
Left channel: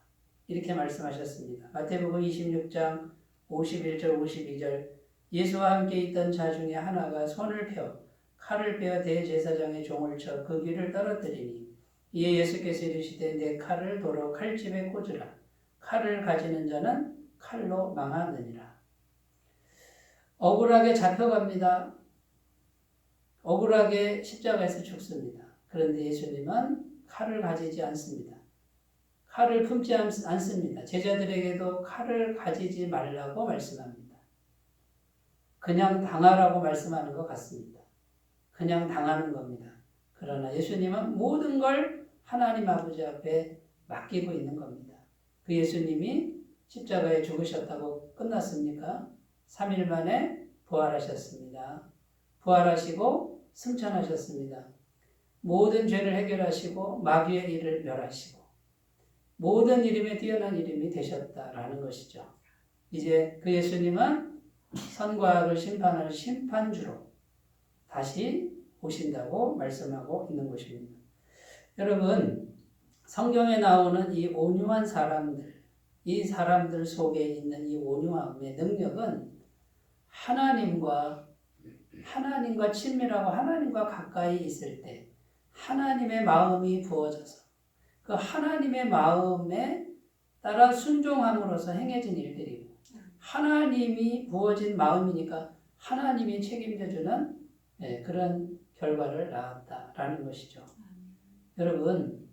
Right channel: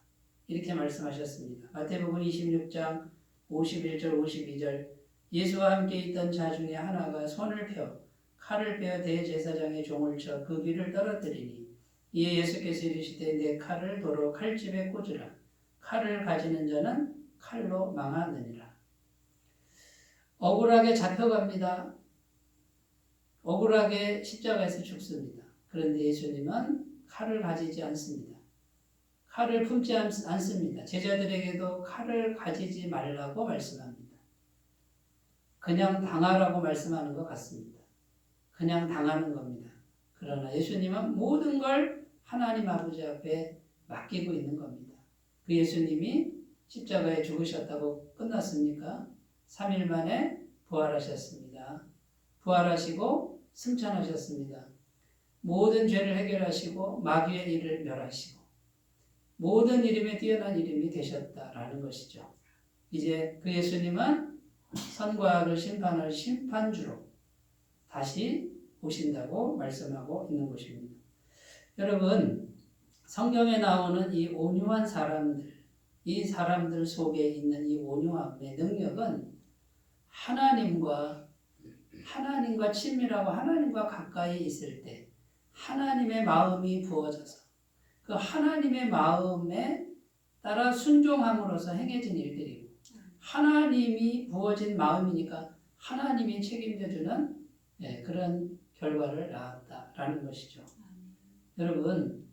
이렇게 말씀하셨습니다. 마태복음 26장 51절 52절 예수와 함께 있던 자 중에 하나가 손을 펴 칼을 빼어 대제사장의 종을 쳐 그 귀를 떨어뜨리니 이에 예수께서 이르시되 내 칼을 도로 칼집에 꽂으라. 칼을 가지는 자는 칼로 망하느니라. 억울하게 잡혀갑니다. 억울하게 십자가에서 죽습니다. 그런데 예수님은 칼을 가지지 않습니다. 칼을 품지 않습니다. 제자들에게도 칼을 가지지 말라고 말씀합니다. 그냥 당하라고 말씀하는 것 같습니다. 그냥 당하는 겁니다. 그러나 예수님은 모든 걸 하나님 아버지 앞에 맡기고 있는 겁니다. 그 예수님이 십자가에 죽으셨다고 끝났습니까? 3일 만에 부활하셨습니다. 부활하시고 승천하셨습니다. 모든 죄를 해결하시고 마귀의 일을 멸하시고 모든 이름에 뛰어난 이름이 되셨다라는 것이죠. 이제 그 예수님은 선과 악을 심판할 심판주로 다시 오신다고 말씀하고 있는 것입니다. 여러분, 성경에 나오는 이 온유한 사람들, 이 사람들 속에 있는 이 온유함의 능력은 하나님과 친밀하고 하나님과 가까이 있을 때 하나님의 마음이 부어져서 그 하나님의 마음에 따라 순종함으로써 행해진 일들이고 하나님이 부어진 마음이니까 하나님이 책임져주는 그런 결과를 낳았다라는 것이죠. 여러분,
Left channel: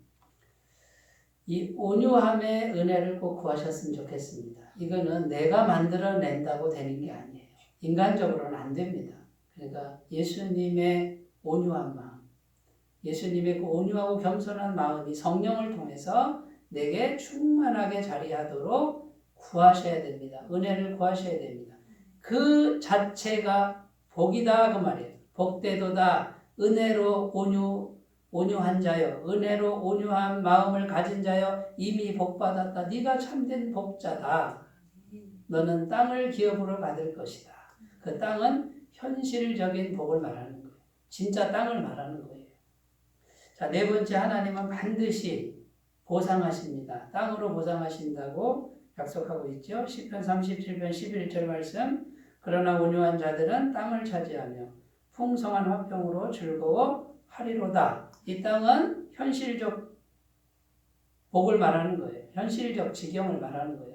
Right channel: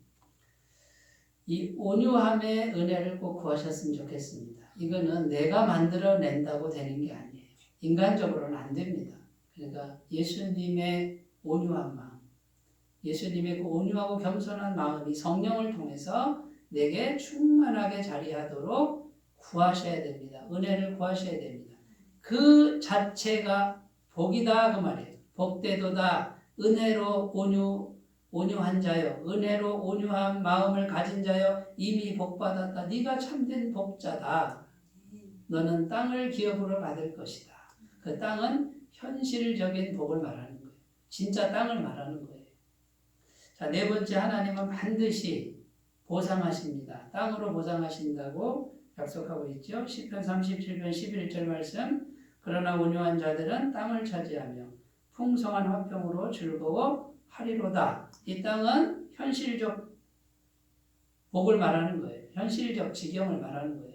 이 온유함의 은혜를 꼭 구하셨으면 좋겠습니다. 이거는 내가 만들어낸다고 되는 게 아니에요. 인간적으로는 안 됩니다. 그러니까 예수님의 온유한 마음, 예수님의 그 온유하고 겸손한 마음이 성령을 통해서 내게 충만하게 자리하도록 구하셔야 됩니다. 은혜를 구하셔야 됩니다. 그 자체가 복이다 그 말이에요. 복되도다 은혜로 온유한 자여, 은혜로 온유한 마음을 가진 자여, 이미 복받았다. 네가 참된 복자다. 너는 땅을 기업으로 받을 것이다. 그 땅은 현실적인 복을 말하는 거예요. 진짜 땅을 말하는 거예요. 자, 네 번째, 하나님은 반드시 보상하십니다. 땅으로 보상하신다고 약속하고 있죠. 시편 37편 11절 말씀. 그러나 온유한 자들은 땅을 차지하며 풍성한 화평으로 즐거워하리로다. 이 땅은 현실적 복을 말하는 거예요. 현실적 지경을 말하는 거예요.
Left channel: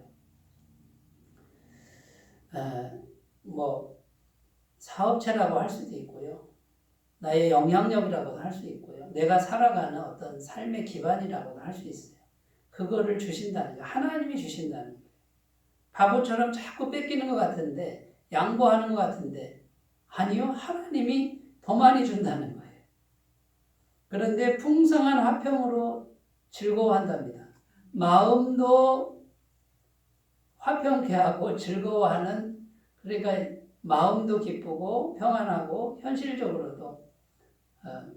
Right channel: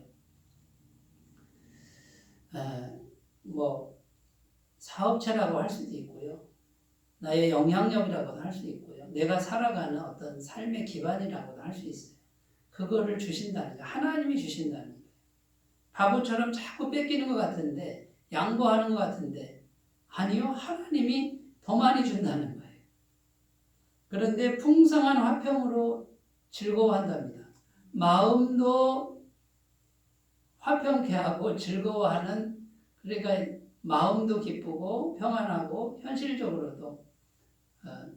사업체라고 할 수도 있고요. 나의 영향력이라고도 할 수 있고요. 내가 살아가는 어떤 삶의 기반이라고도 할 수 있어요. 그거를 주신다는 거예요. 하나님이 주신다는 거예요. 바보처럼 자꾸 뺏기는 것 같은데, 양보하는 것 같은데, 아니요. 하나님이 더 많이 준다는 거예요. 그런데 풍성한 화평으로 즐거워한답니다. 마음도 화평케 하고 즐거워하는, 그러니까 마음도 기쁘고 평안하고 현실적으로도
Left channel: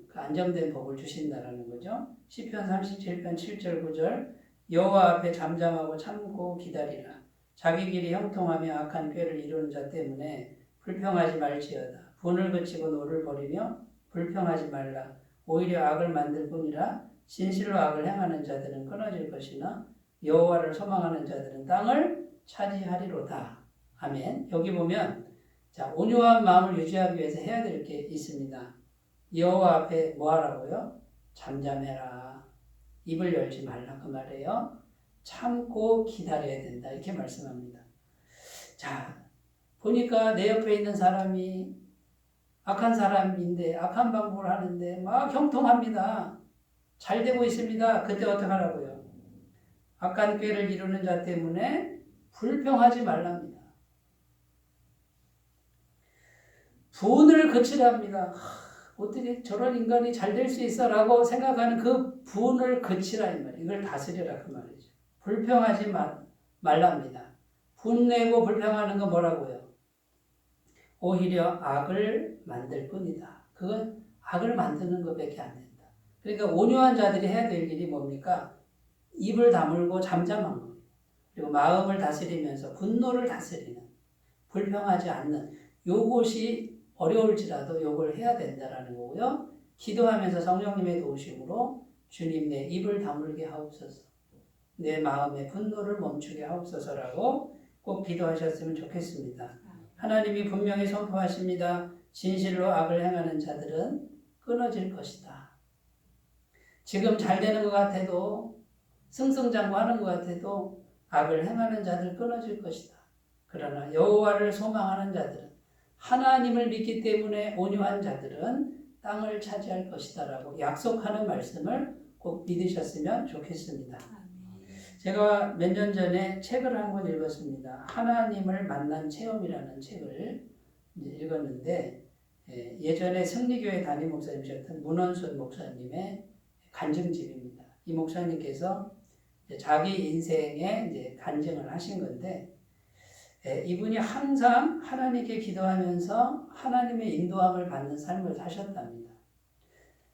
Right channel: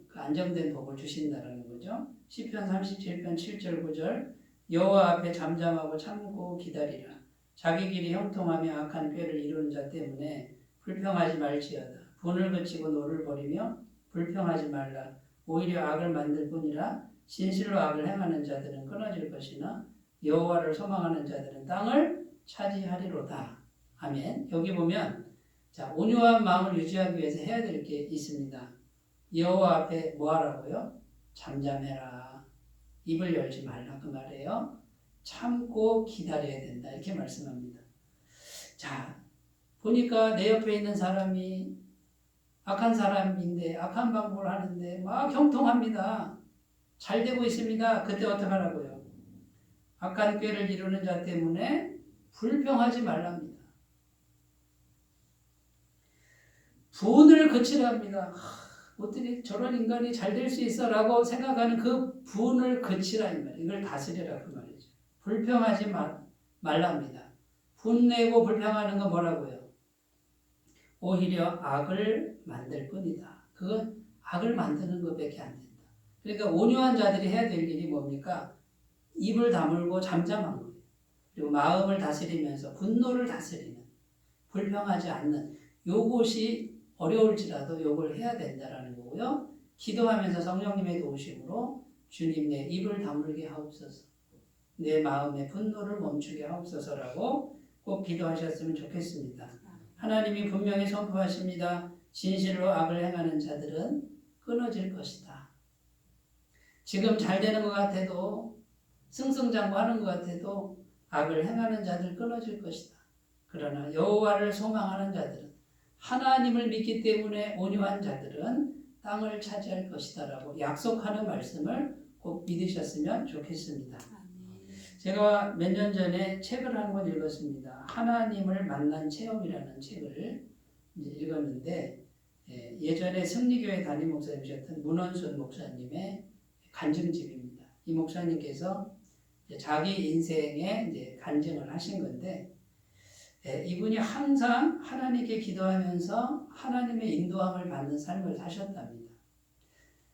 그 안정된 복을 주신다는 거죠. 시편 37편 7절 9절 여호와 앞에 잠잠하고 참고 기다리라. 자기 길이 형통하며 악한 꾀를 이루는 자 때문에 불평하지 말지어다. 분을 그치고 노를 버리며 불평하지 말라. 오히려 악을 만들 뿐이라. 진실로 악을 행하는 자들은 끊어질 것이나 여호와를 소망하는 자들은 땅을 차지하리로다. 아멘. 여기 보면 자, 온유한 마음을 유지하기 위해서 해야 될 게 있습니다. 여호와 앞에 뭐 하라고요? 잠잠해라. 입을 열지 말라 그 말이에요. 참고 기다려야 된다. 이렇게 말씀합니다. 자, 보니까 내 옆에 있는 사람이 악한 사람인데 악한 방법을 하는데 막 형통합니다. 잘 되고 있습니다. 그때 어떻게 하라고요? 악한 꾀를 이루는 자 때문에 불평하지 말랍니다. 분을 그치랍니다. 어떻게 저런 인간이 잘 될 수 있어? 라고 생각하는 그 분을 그치라 이 말이에요. 이걸 다스리라 그 말이죠. 불평하지 말랍니다. 분내고 불평하는 건 뭐라고요? 오히려 악을 만들 뿐이다. 그건 악을 만드는 것밖에 안 된다. 그러니까 온유한 자들이 해야 될 일이 뭡니까? 입을 다물고 잠잠한 거예요. 그리고 마음을 다스리면서 분노를 다스리는, 불평하지 않는 요것이 어려울지라도 요걸 해야 된다라는 거고요. 기도하면서 성령님의 도우심으로 주님 내 입을 다물게 하옵소서. 내 마음의 분노를 멈추게 하옵소서라고 꼭 기도하셨으면 좋겠습니다. 하나님이 분명히 선포하십니다. 진실로 악을 행하는 자들은 끊어질 것이다. 지금 잘 되는 것 같아도 승승장구하는 것 같아도 악을 행하는 자들 끊어질 것이다. 그러나 여호와를 소망하는 자들은 하나님을 믿기 때문에 온유한 자들은 땅을 차지할 것이다 라고 약속하는 말씀을 꼭 믿으셨으면 좋겠습니다. 제가 몇 년 전에 책을 한 권 읽었습니다. 하나님을 만난 체험이라는 책을 읽었는데 예전에 승리교회 담임 목사님이셨던 문원순 목사님의 간증집입니다. 이 목사님께서 자기 인생에 이제 간증을 하신 건데, 이분이 항상 하나님께 기도하면서 하나님의 인도함을 받는 삶을 사셨답니다.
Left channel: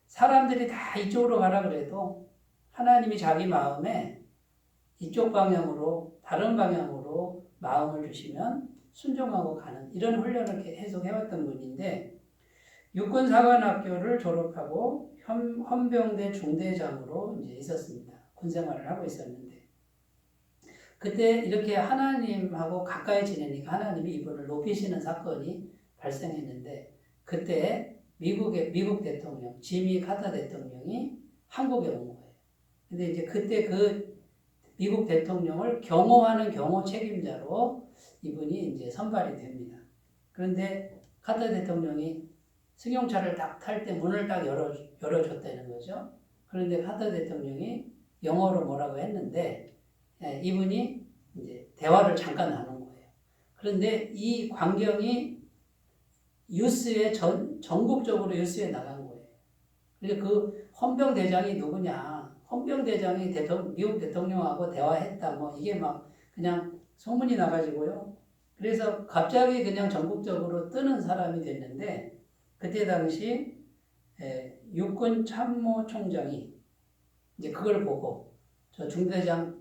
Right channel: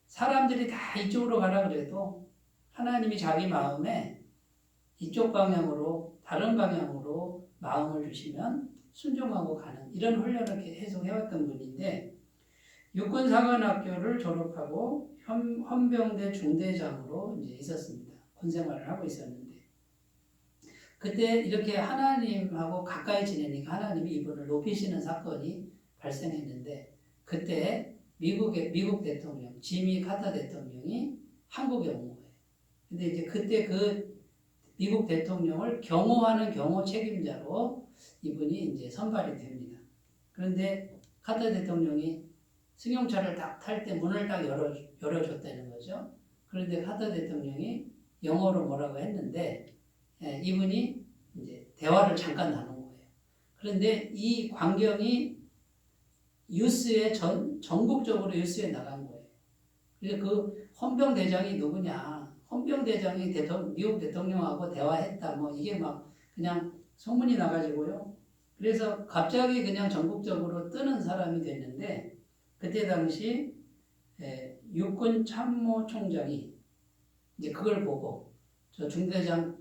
사람들이 다 이쪽으로 가라 그래도 하나님이 자기 마음에 이쪽 방향으로, 다른 방향으로 마음을 주시면 순종하고 가는 이런 훈련을 계속 해왔던 분인데, 육군사관학교를 졸업하고 헌병대 중대장으로 이제 있었습니다. 군 생활을 하고 있었는데, 그때 이렇게 하나님하고 가까이 지내니까 하나님이 이분을 높이시는 사건이 발생했는데, 그때 미국 대통령 지미 카터 대통령이 한국에 온 거예요. 근데 이제 그때 그 미국 대통령을 경호하는 경호 책임자로 이분이 이제 선발이 됩니다. 그런데 카터 대통령이 승용차를 딱 탈 때 문을 딱 열어줬다는 거죠. 그런데 카터 대통령이 영어로 뭐라고 했는데, 이분이 이제 대화를 잠깐 나눈 거예요. 그런데 이 광경이 뉴스에 전국적으로 뉴스에 나간 거예요. 그래서 그 헌병대장이 누구냐? 헌병대장이 미국 대통령하고 대화했다. 뭐 이게 막 그냥 소문이 나가지고요. 그래서 갑자기 그냥 전국적으로 뜨는 사람이 됐는데, 그때 당시 육군 참모총장이 이제 그걸 보고 저 중대장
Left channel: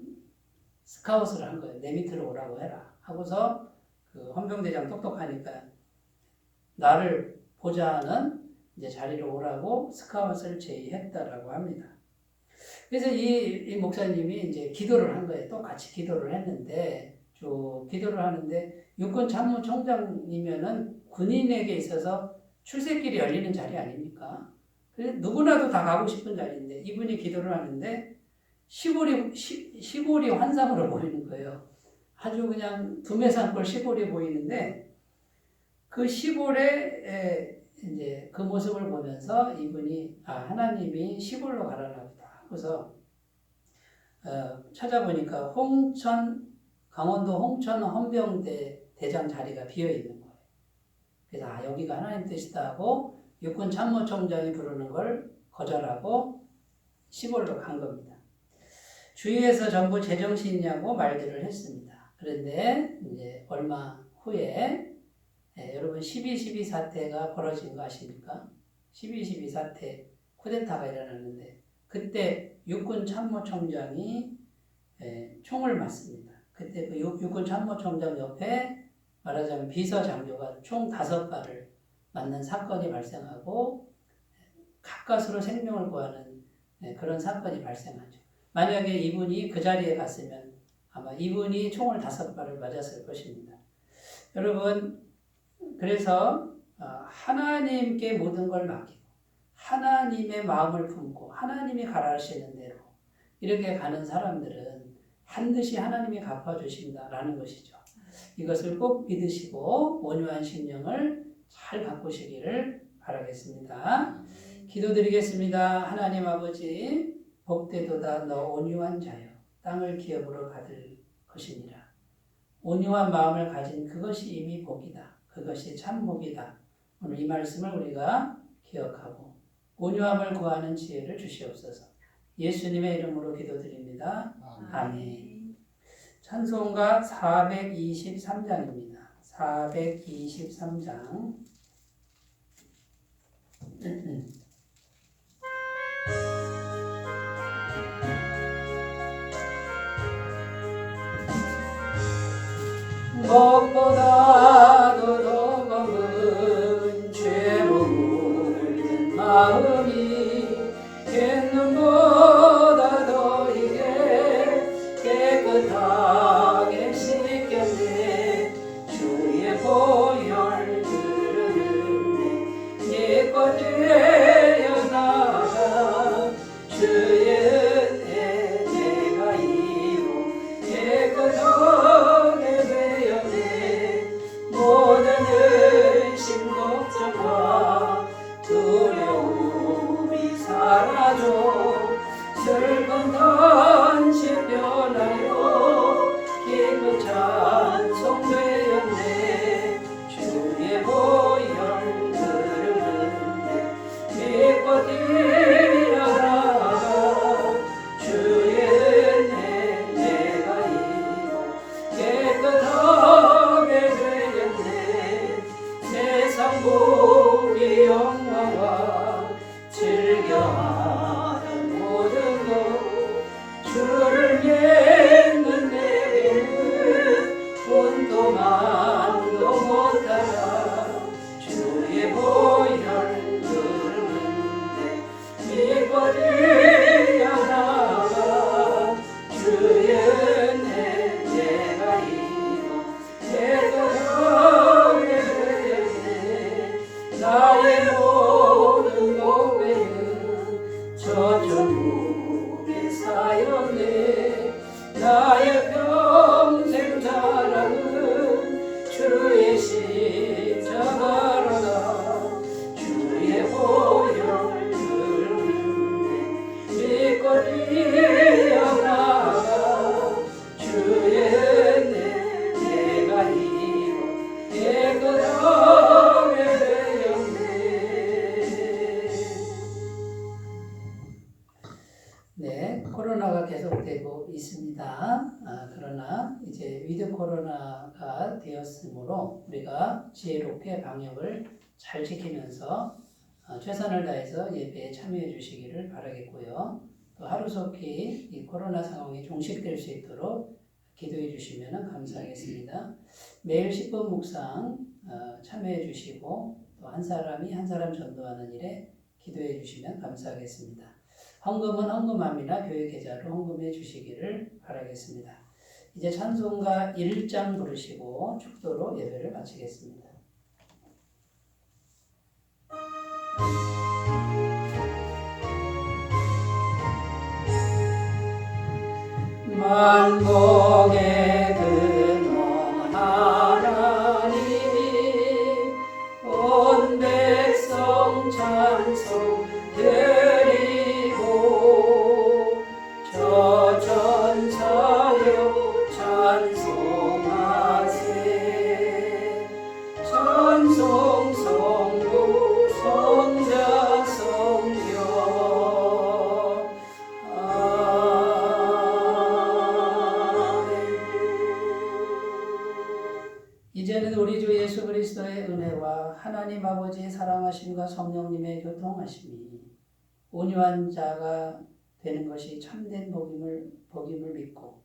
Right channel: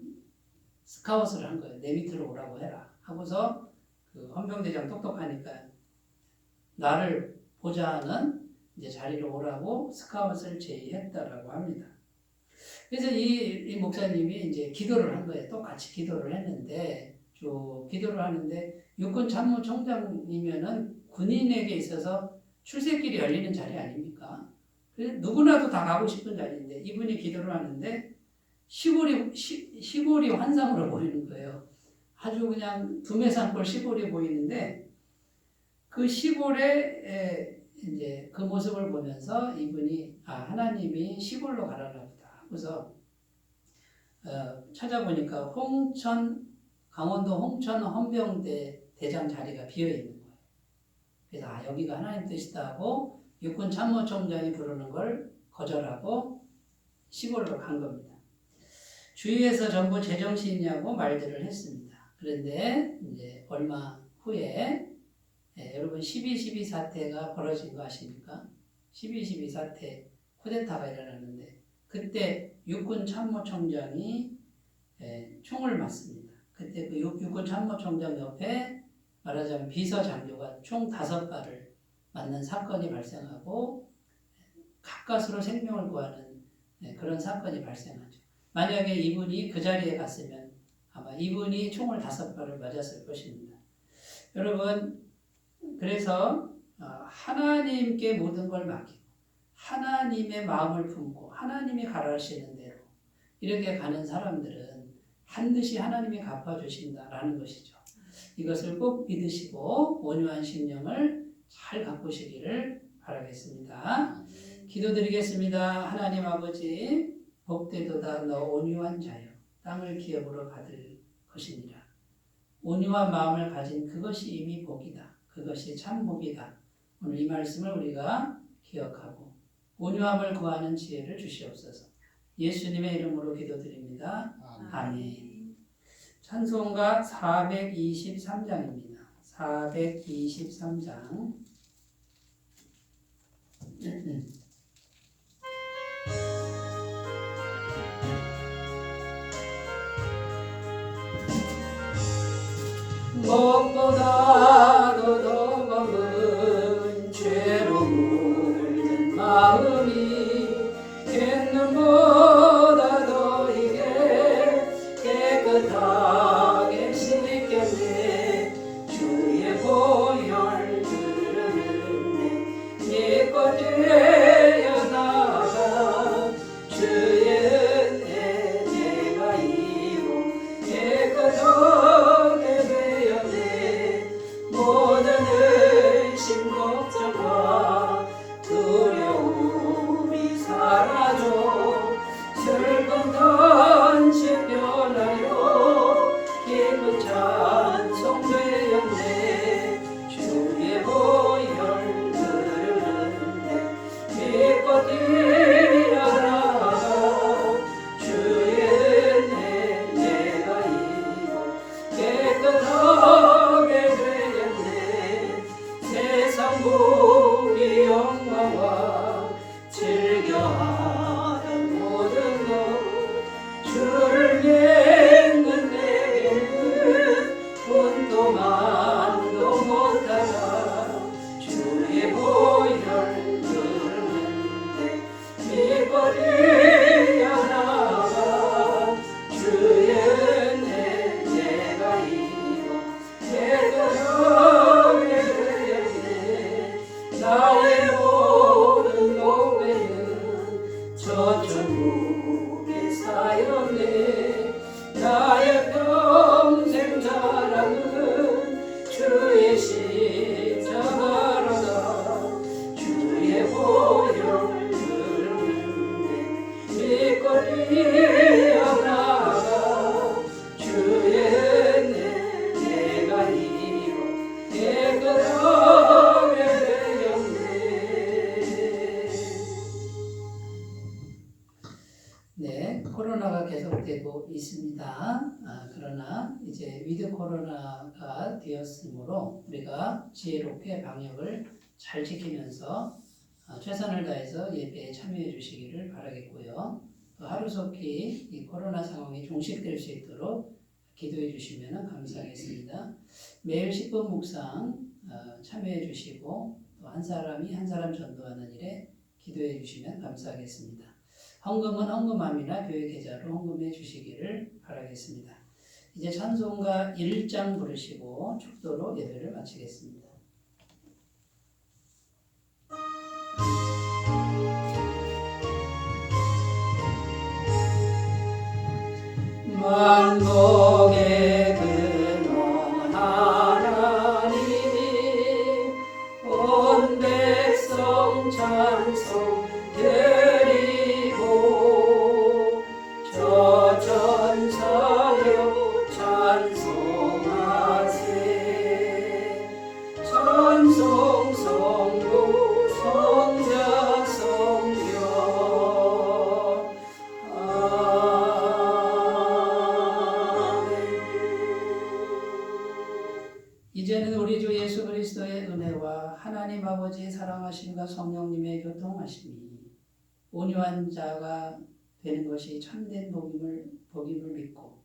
스카웃을 한 거예요. 내 밑으로 오라고 해라. 하고서 그 헌병대장 똑똑하니까 나를 보좌하는 이제 자리로 오라고 스카웃을 제의했다라고 합니다. 그래서 이 목사님이 이제 기도를 한 거예요. 똑같이 기도를 했는데, 쭉 기도를 하는데, 육군 참모총장이면은 군인에게 있어서 출세길이 열리는 자리 아닙니까? 누구나도 다 가고 싶은 자리인데, 이분이 기도를 하는데 시골이 환상으로 보이는 거예요. 아주 그냥 두메산골 시골이 보이는데, 그 시골에 이제 그 모습을 보면서 이분이 하나님이 시골로 가라나 보다 하고서 찾아보니까 강원도 홍천 헌병대 대장 자리가 비어 있는 거예요. 그래서 여기가 하나님 뜻이다 하고 육군 참모총장이 부르는 걸 거절하고 시골로 간 겁니다. 주위에서 전부 제정신이냐고 말들을 했습니다. 그런데 이제 얼마 후에 여러분 12.12 사태가 벌어진 거 아십니까? 12.12 사태 쿠데타가 일어났는데, 그때 육군 참모총장이 총을 맞습니다. 그때 그 육군 참모총장 옆에 말하자면 비서장교가 총 5발을 맞는 사건이 발생하고 가까스로 생명을 구하는 그런 사건이 발생하죠. 만약에 이분이 그 자리에 갔으면 아마 이분이 총을 5발을 맞았을 것입니다. 여러분, 그래서 하나님께 모든 걸 맡기고 하나님의 마음을 품고 하나님이 가라하시는 대로 이렇게 가는 사람들은 반드시 하나님이 갚아주신다라는 것이죠. 이것을 꼭 믿으시고 온유한 심령을 잘 가꾸시기를 바라겠습니다. 기도드리겠습니다. 하나님 아버지, 복되도다 너 온유한 자여, 땅을 기업으로 받을 것이니라. 온유한 마음을 가진 그것이 이미 복이다. 그것이 참 복이다. 오늘 이 말씀을 우리가 기억하고 온유함을 구하는 지혜를 주시옵소서. 예수님의 이름으로 기도드립니다. 아멘. 찬송가 423장입니다. 423장. 무엇보다도 더 검은 죄로 물든 마음이 갯눈보다 더 이게 깨끗하게 씻겼네. 주의 보혈 들은 나의 모든 몸에는 저천국의 사였네. 나의 평생 자랑은 주의 십자가로다. 주의 보혈을 믿고 뛰어나가 주의 은혜 내가 이고 깨끗하게 되었네. 네, 코로나가 계속되고 있습니다. 그러나 이제 위드 코로나가 되었으므로 우리가 지혜롭게 방역을 잘 지키면서 최선을 다해서 예배에 참여해 주시기를 바라겠고요. 또 하루속히 이 코로나 상황이 종식될 수 있도록 기도해 주시면 감사하겠습니다. 매일 10분 묵상 참여해 주시고 또 한 사람이 한 사람 전도하는 일에 기도해 주시면 감사하겠습니다. 헌금은 헌금함이나 교회 계좌로 헌금해 주시기를 바라겠습니다. 이제 찬송가 1장 부르시고 축도로 예배를 마치겠습니다. 만복의 근원 하나님 온 백성 찬송 드리고 저 전사여 찬송하세. 찬송 성도 성자 성령 이제는 우리 주 예수 그리스도의 은혜와 하나님 아버지의 사랑하심과 성령님의 교통하심이 온유한 자가 되는 것이 참된 복임을 믿고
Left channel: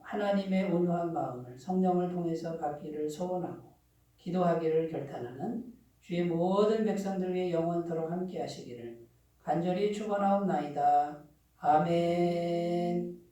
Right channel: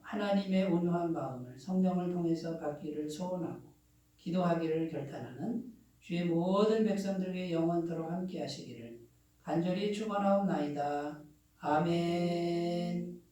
하나님의 온유한 마음을 성령을 통해서 받기를 소원하고 기도하기를 결단하는 주의 모든 백성들에게 영원토록 함께 하시기를 간절히 축원하옵나이다. 아멘.